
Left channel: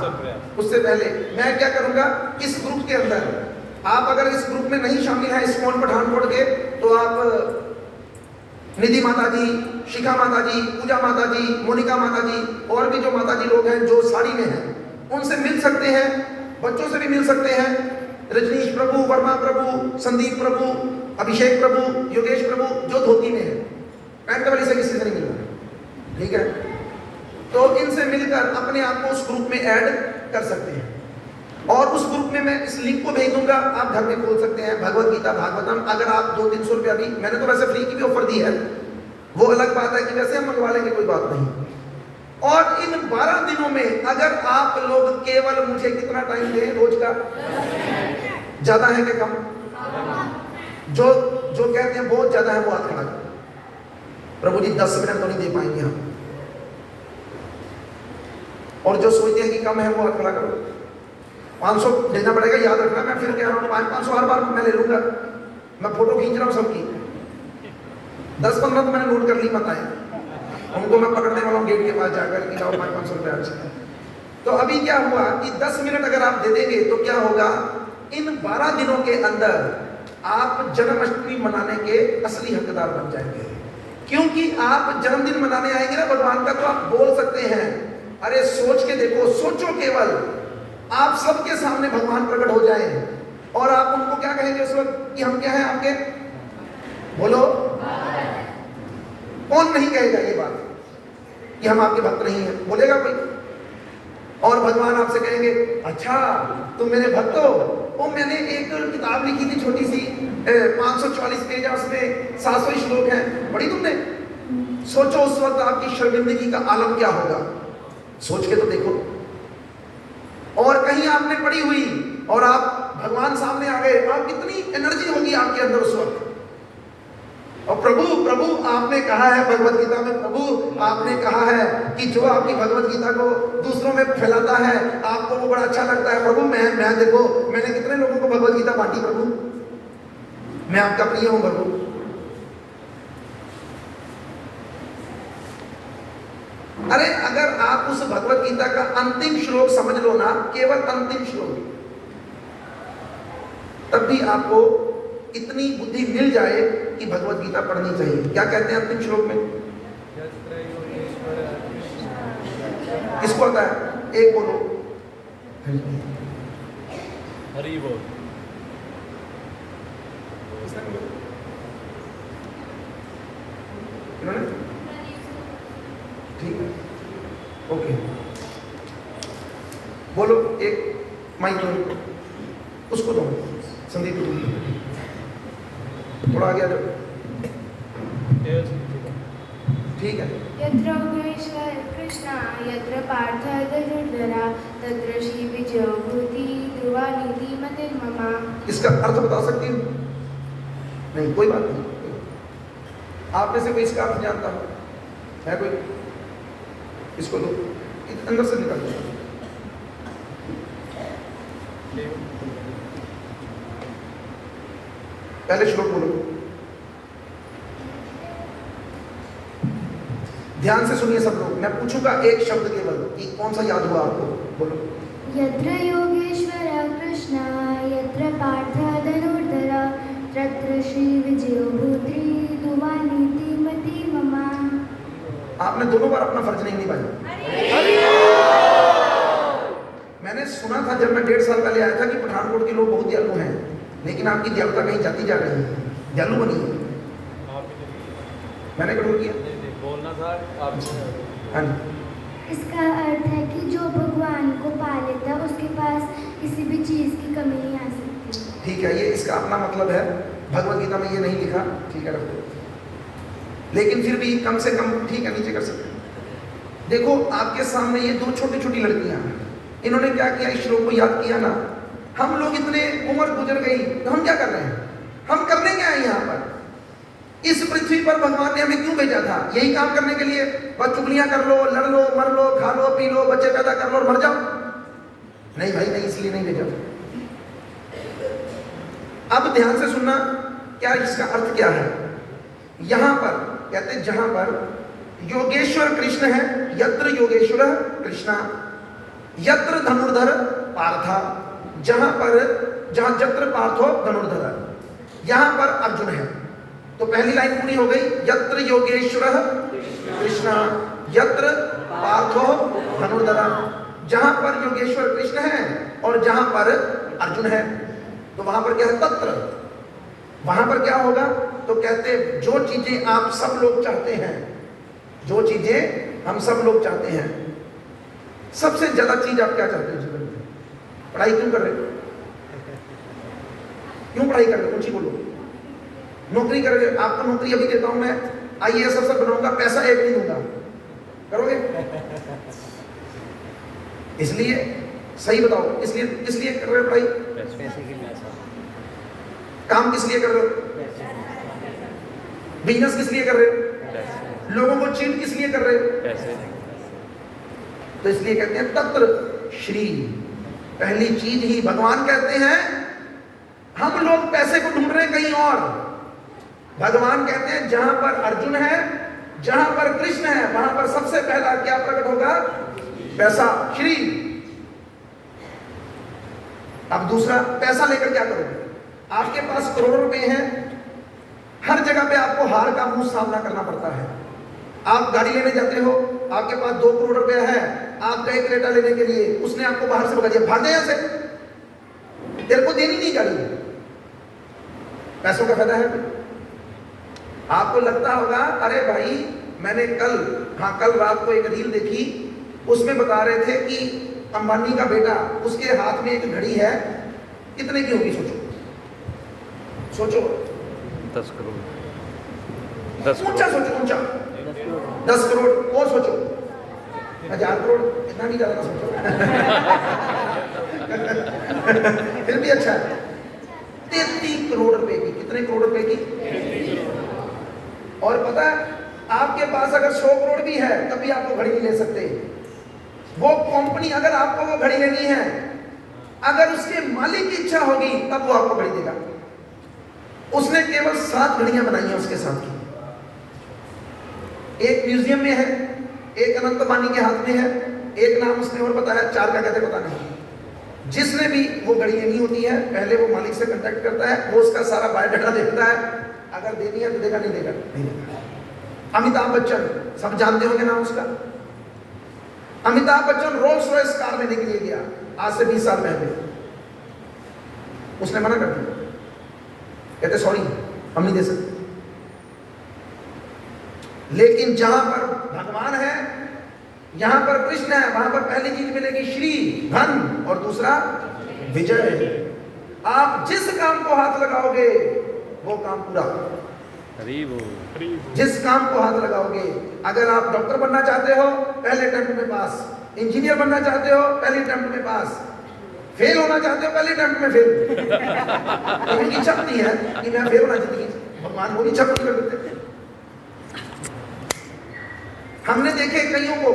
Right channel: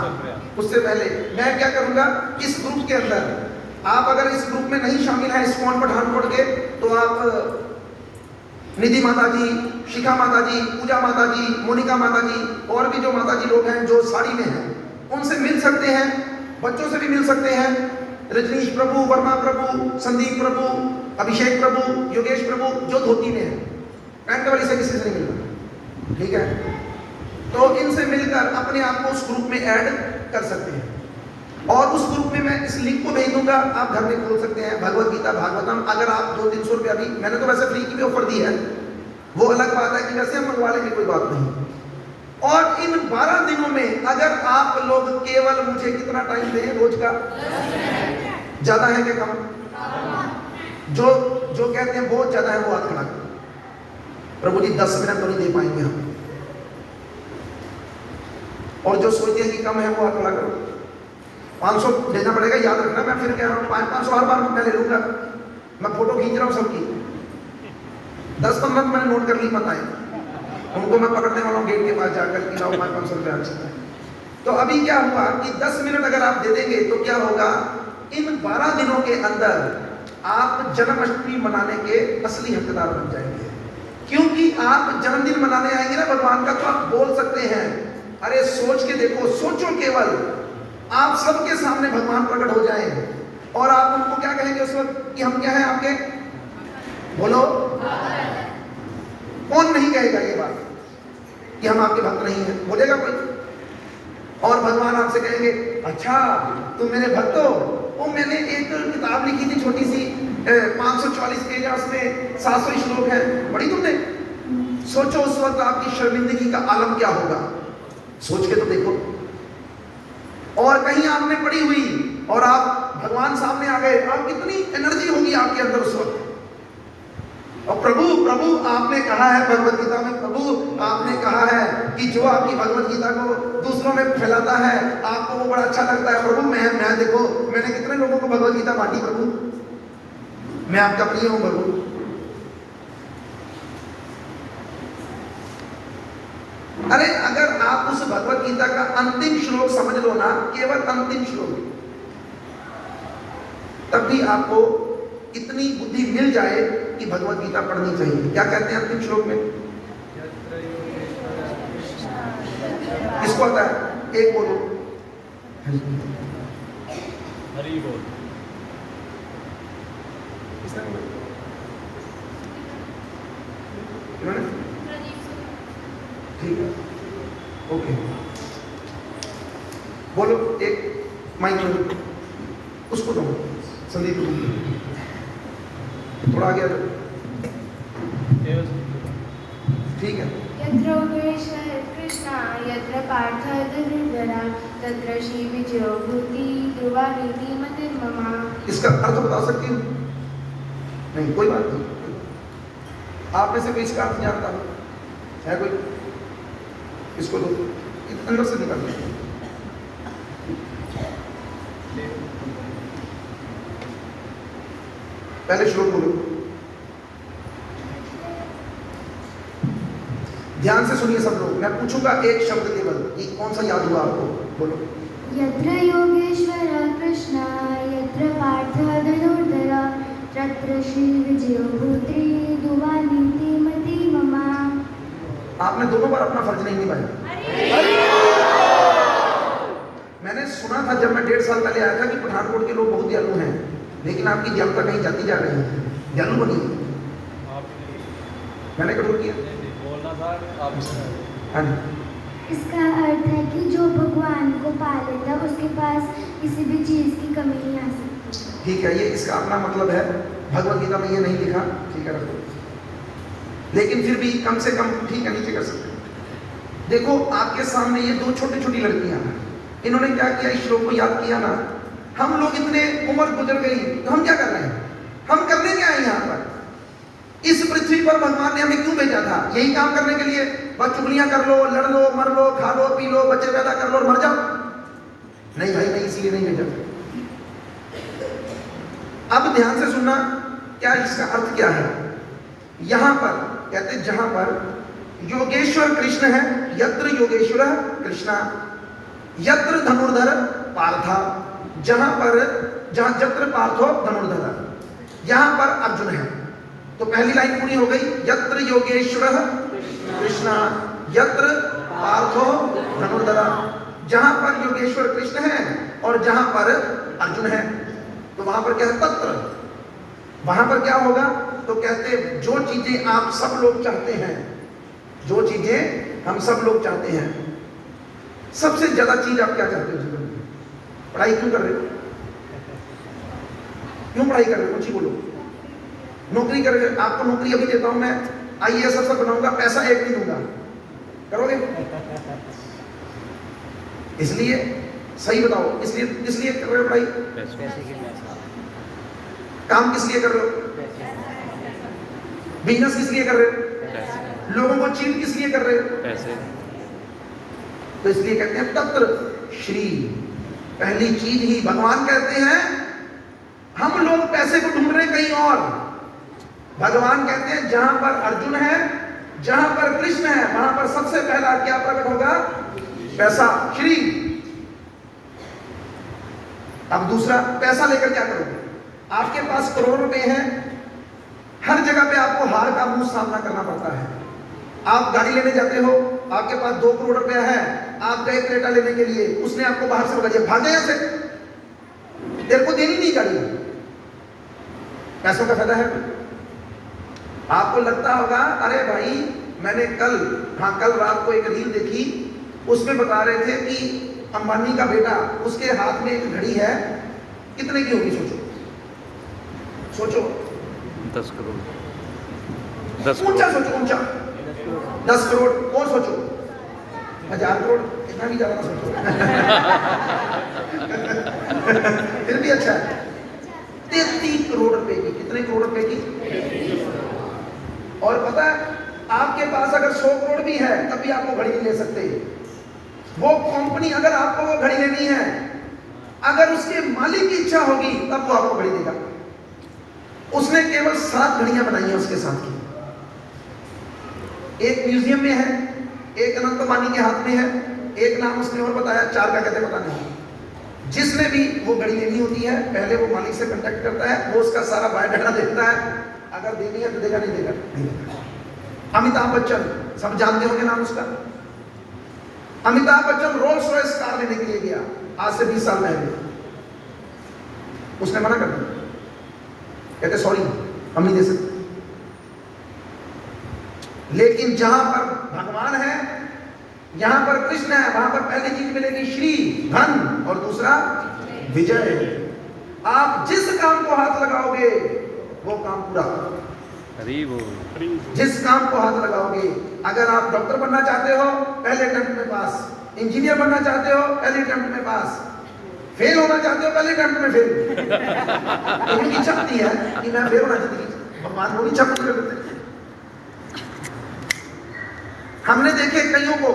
उससे पहले मैं क्या करूंगा, इस ग्रुप के अंदर आप अगर इस ग्रुप में नहीं शामिल है इस्कॉन पठानकोट के, तो आप निधि माता जी, शिखा माता जी, पूजा माता जी, मोनिका माता जी और भी जो माता जी लोग हैं जो साड़ी में हैं, उनसे मिल सकते हैं, बच्चों से भी मिल सकते हैं। रजनीश प्रभु, वर्मा प्रभु, संदीप प्रभु, अभिषेक प्रभु, योगेश प्रभु जो धोती में है, पैंट वाली से किसी से नहीं मिलना, ठीक है? तो इनसे मिलकर अपने आप को उस ग्रुप में ऐड कर सकते हैं और उस ग्रुप में मैं इस लिंक को भेज दूंगा, आप घर में खोल सकते हैं। भगवत गीता भागवतम, अगर आप 200-300 रुपया भी, मैंने तो वैसे फ्री की भी ऑफर दी है, वो अलग बात है कि वैसे हम मंगवा लेंगे, कोई बात नहीं। और इन 12 दिनों में अगर आप लोग केवल मुझे कितना टाइम दें रोज का, ज्यादा है कि कम? जो कहते हैं बहुत ज्यादा है वो हाथ खड़ा करो। प्रभु जी 10 मिनट तो नहीं दे पाएंगे हम, और जो सोचते हैं कि कम है वो हाथ खड़ा करो। 500 देना पड़ेगा, याद रखना, मैं फिर कह रहा हूँ 500 हर बार मैं ले लूंगा, मैं फोटो खींच रहा हूँ सबकी, 10-15 तो मैंने नोट कर ली, मत आए उनको मैं पकड़ने वाला हूँ गेट के पास जाकर कि लाओ 500 रुपया अच्छा है। तो अभी क्या हुआ कि 10 मिनट अगर आप दे देंगे तो क्या होगा, इन 12 दिनों के अंदर आप जन्माष्टमी मनाने के असली हकदार बन जाएंगे। क्योंकि आप जन्मदिन मनाने आएंगे ना भगवान का, तो आप बोल सकते हैं, अरे सोच के देखो, सोचो केवल, आप सबके सामने भगवान प्रकट हो जाएं और आप उनको क्या कहेंगे उस वक्त कि हम क्या हैं आपके? बोलो, कौन नहीं कहेगा ये बात कि हम आपके भक्त नहीं हैं? बोलेगा कोई? और भगवान आपसे कहेंगे, अच्छा तुम मेरे भक्त हो? वो मैंने एक किताब लिखी थी छोटी सी, 544 पेज, उसमें 700 श्लोक हैं, पढ़ी तुमने? सोचो उस वक्त आपकी शर्मिंदगी का आलम क्या होगा, सोच के तो देखो। और कहीं आपने पढ़ी हुई और आप भगवान सामने आ गए, और कितनी एनर्जी होगी आपके अंदर उस वक्त। और प्रभु आपने कहा है भगवत गीता में, प्रभु आपने कहा है कि जो आपकी भगवत गीता को दूसरों में फैलाता है आपको वो बड़ा अच्छा लगता है। प्रभु मैं देखो मैंने कितने लोगों को भगवत गीता बांटी, प्रभु मैं आपका प्रिय हूं प्रभु। अरे अगर आप उस भगवत गीता का अंतिम श्लोक समझ लो ना, केवल अंतिम श्लोक, तब भी आपको इतनी बुद्धि मिल जाए कि भगवत गीता पढ़नी चाहिए। क्या कहते हैं अंतिम श्लोक में? किसको आता है? एक बोलो, हरि बोल। ठीक है, ओके, बोलो एक माइक उसको दो, संदीप थोड़ा आगे, ठीक है। यत्र कृष्ण यत्र पार्थ धनुर्धरा तत्र श्री विजयो भूति ध्रुवा नीति मतिर्ममा। इसका अर्थ बता सकती हूँ? नहीं, कोई बात नहीं। आप में से कोई इसका अर्थ जानता है कोई? इसको दो, अंदर से निकाल दो। पहले श्लोक बोलो, ध्यान से सुनिए सब लोग, मैं पूछूंगा एक शब्द केवल कि कौन सा याद हुआ आपको, बोलो। यत्र योगेश्वर कृष्ण यत्र पार्थ धनुर्धरा तत्र श्री विजयो भूति ध्रुवा नीति मतिर्ममा। आपने दोनों बार अपना फर्ज नहीं निभाया। मैंने सुना था जब मैं 1.5 साल पहले आया था कि पठानकोट के लोग बहुत दयालु हैं, लेकिन आपकी दयालुता कहीं जाती जा रही है, दयालु बनी। मैंने कठोर किया? बोलना साहब। हाँ जी। इसका अर्थ है कि जो भगवान को पा लेता है उसके पास किसी भी चीज़ की कमी नहीं आ सकती। ठीक है, ये इसका अपना मतलब है, भगवत गीता में ये नहीं लिखा, ठीक है रखो, लेकिन फिर भी कम से कम ठीक है, नीचे कर सकते हैं। देखो आपके सामने ये दो छोटी छोटी लड़कियां हैं, इन्होंने क्या किया, इस श्लोक को याद किया ना। हम लोग इतने उम्र गुजर गई तो हम क्या कर रहे हैं? हम करने क्या है यहाँ पर? इस पृथ्वी पर भगवान ने हमें क्यों भेजा था? यही काम करने के लिए? बस चुगलियां कर लो, लड़ लो, मर लो, खा लो, पी लो, बच्चे पैदा कर लो और मर जाओ? नहीं भाई नहीं, इसलिए नहीं भेजा। अब ध्यान से सुनना, क्या इसका अर्थ क्या है? यहां पर कहते जहां पर योगेश्वर कृष्ण है, यत्र योगेश्वर कृष्णा, यत्र धनुर्धर पार्था, जहां जत्र पार्थो धनुर्धर, यहां पर अर्जुन है। तो पहली लाइन पूरी हो गई, यत्र योगेश्वर कृष्णा यत्र पार्थो धनुर्धर, जहां पर योगेश्वर कृष्ण है और जहां पर अर्जुन है। तो वहां पर क्या है? तत्र। वहां पर क्या होगा? तो कहते जो चीजें आप सब लोग चाहते हैं, जो चीजें हम सब लोग चाहते हैं, सबसे ज्यादा चीज आप क्या चाहते हो जीवन में? पढ़ाई क्यों कर रहे हो? क्यों पढ़ाई कर रहे हो? कुछ ही बोलो। नौकरी कर रहे हो, आपको नौकरी अभी देता हूं मैं, IAS सब बनाऊंगा, पैसा एक नहीं दूंगा, करोगे? इसलिए सही बताओ, इसलिए कर रहे हो पढ़ाई? काम किस लिए कर रहे हो? बिजनेस किस लिए कर रहे हो? लोगों को चीट किस लिए कर रहे हो? पैसे। तो इसलिए कहते हैं तत्र श्री, पहली चीज ही भगवान कहते हैं। हम लोग पैसे को ढूंढ रहे हैं कहीं और, भगवान कहते हैं जहां पर अर्जुन है, जहां पर कृष्ण है, वहां पर सबसे पहला क्या प्रकट होगा? पैसा, श्री। अब दूसरा, पैसा लेकर क्या करोगे? आपके पास करोड़ों रुपए हैं, हर जगह पे आपको हार का मुंह सामना करना पड़ता है। आप गाड़ी लेने जाते हो, आपके पास 2 करोड़ रुपया है, आप गए क्रेटा लेने के लिए, उसने आपको बाहर से भगा दिया, भाग गए से, तेरे को देनी नहीं गाड़ी। पैसों का फायदा है? आपको लगता होगा अरे भाई मैंने कल रात को एक रील देखी, उसमें बता रहे थे कि अंबानी का बेटा, उसके हाथ में एक घड़ी है, कितने की होगी? सोचो 10 करोड़। 10 ऊंचा करोड़। सोचो, ऊंचा 10 करोड़। और सोचो 1000 करोड़, इतना भी ज्यादा सोचो। फिर भी अच्छा है। 33 करोड़ रुपए की। कितने करोड़ रुपए की? और पता है आपके पास अगर 100 करोड़ भी है तब भी आपको घड़ी नहीं ले सकते। वो कंपनी अगर आपको वो घड़ी लेनी है, अगर उसके मालिक की इच्छा होगी तब वो आपको घड़ी देगा। उसने केवल 7 घड़ियां बनाई हैं उसके साथ की। एक म्यूजियम में है, एक अनंत अंबानी के हाथ में है, एक नाम उसने और बताया, 4 का कहते पता नहीं। जिसने भी वो घड़ी लेनी होती है, पहले वो मालिक से कांटेक्ट करता है, वो उसका सारा बायोडाटा देखता है, अगर देनी है तो देगा, नहीं देगा नहीं देगा। अमिताभ बच्चन, सब जानते होंगे नाम उसका। Amitabh Bachchan Rolls Royce car लेने के लिए गया आज से 20 साल पहले, उसने मना कर दिया, कहते सॉरी हम नहीं दे सकते। लेकिन जहां पर भगवान है, यहां पर कृष्ण है, वहां पर पहली चीज मिलेगी श्री, धन, और दूसरा विजय। आप जिस काम को हाथ लगाओगे वो काम पूरा। जिस काम को हाथ लगाओगे, अगर आप डॉक्टर बनना चाहते हो पहले अटेम्प्ट में पास, इंजीनियर बनना चाहते हो पहले अटेम्प्ट में पास, फेल होना चाहते हो पहले अटेम्प्ट में फेल। उनकी इच्छा नहीं है कि मैं फेल होना चाहती, भगवान को इच्छा पूरी कर देते। हमने देखे कईयों को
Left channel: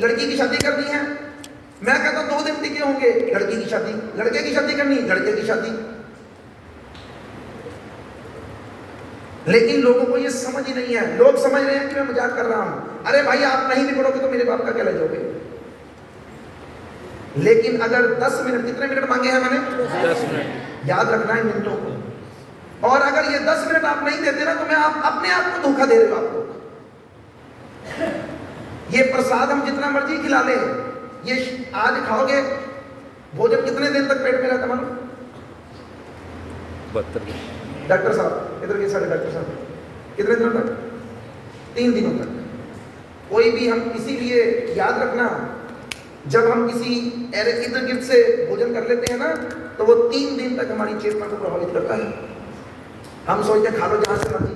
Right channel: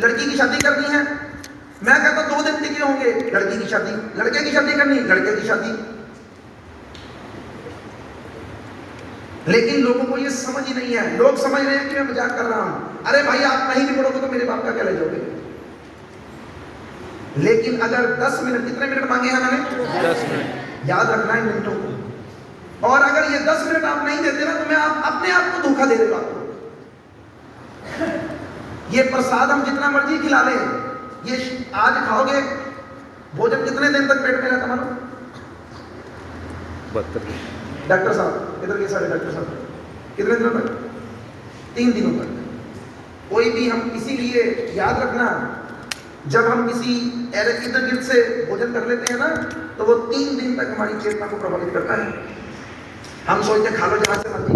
लड़की की शादी करनी है, मैं कहता 2 दिन टिके होंगे, लड़की की शादी, लड़के की शादी करनी, लड़के की शादी। लेकिन लोगों को ये समझ ही नहीं है। लोग समझ रहे हैं कि मैं मजाक कर रहा हूं, अरे भाई आप नहीं निकलोगे तो मेरे बाप का क्या ले जाओगे। लेकिन अगर 10 मिनट, कितने मिनट मांगे हैं मैंने? 10 मिनट। याद रखना है मिनटों को। और अगर ये 10 मिनट आप नहीं देते ना तो मैं अपने आप को धोखा दे रहे हो। आपको ये प्रसाद हम जितना मर्जी खिला लें, ये आज खाओगे, भोजन कितने दिन तक पेट में रहता मानो? 72 दिन। डॉक्टर साहब इधर, ये सारे डॉक्टर साहब कितने दिनों तक? 3 दिनों तक। कोई भी हम इसीलिए याद रखना, जब हम किसी इर्द गिर्द से भोजन कर लेते हैं ना, तो वो 3 दिन तक हमारी चेतना को प्रभावित करता है। हम सोचते हैं खा लो जहाँ से मर्जी